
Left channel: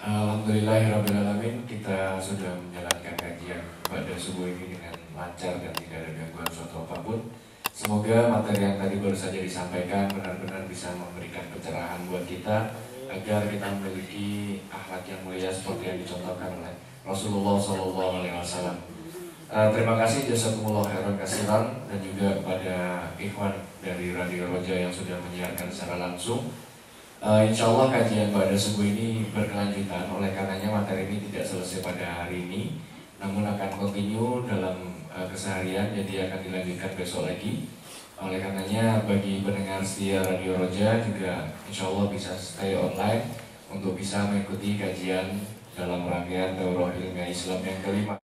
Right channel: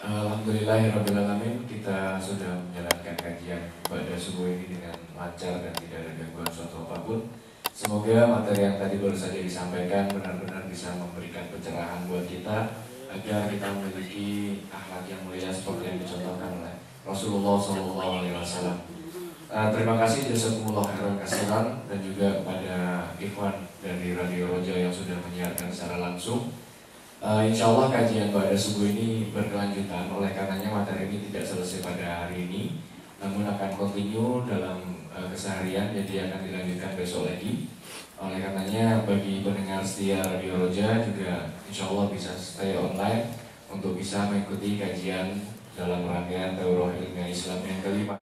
Alhamdulillahirrahmanirrahim, kita sudah menjalankan kajian pada subuh ini dengan lancar dan tidak ada gangguan suatu apapun. Semoga materi yang tadi baru saja disampaikan benar-benar bisa memberikan pencerahan buat kita agar kita memiliki akhlak yang mulia seperti yang dicontohkan oleh Rasulullah SAW. Terima kasih jazakumullah khairan katsiran, dan juga kepada Ikhwan dari Radio Roja yang sudah menyiarkan secara langsung. Insya Allah kajian pada subuh ini berkelanjutan, oleh karenanya materi ini tidak selesai pada hari ini, namun akan continue dalam keseharian, jadi akan dilanjutkan besok lagi. Oleh karenanya bagi pendengar setia Radio Roja juga insya Allah bisa stay online untuk bisa mengikuti kajian dalam rangkaian Daurah Ilmiah Islam yang kelima.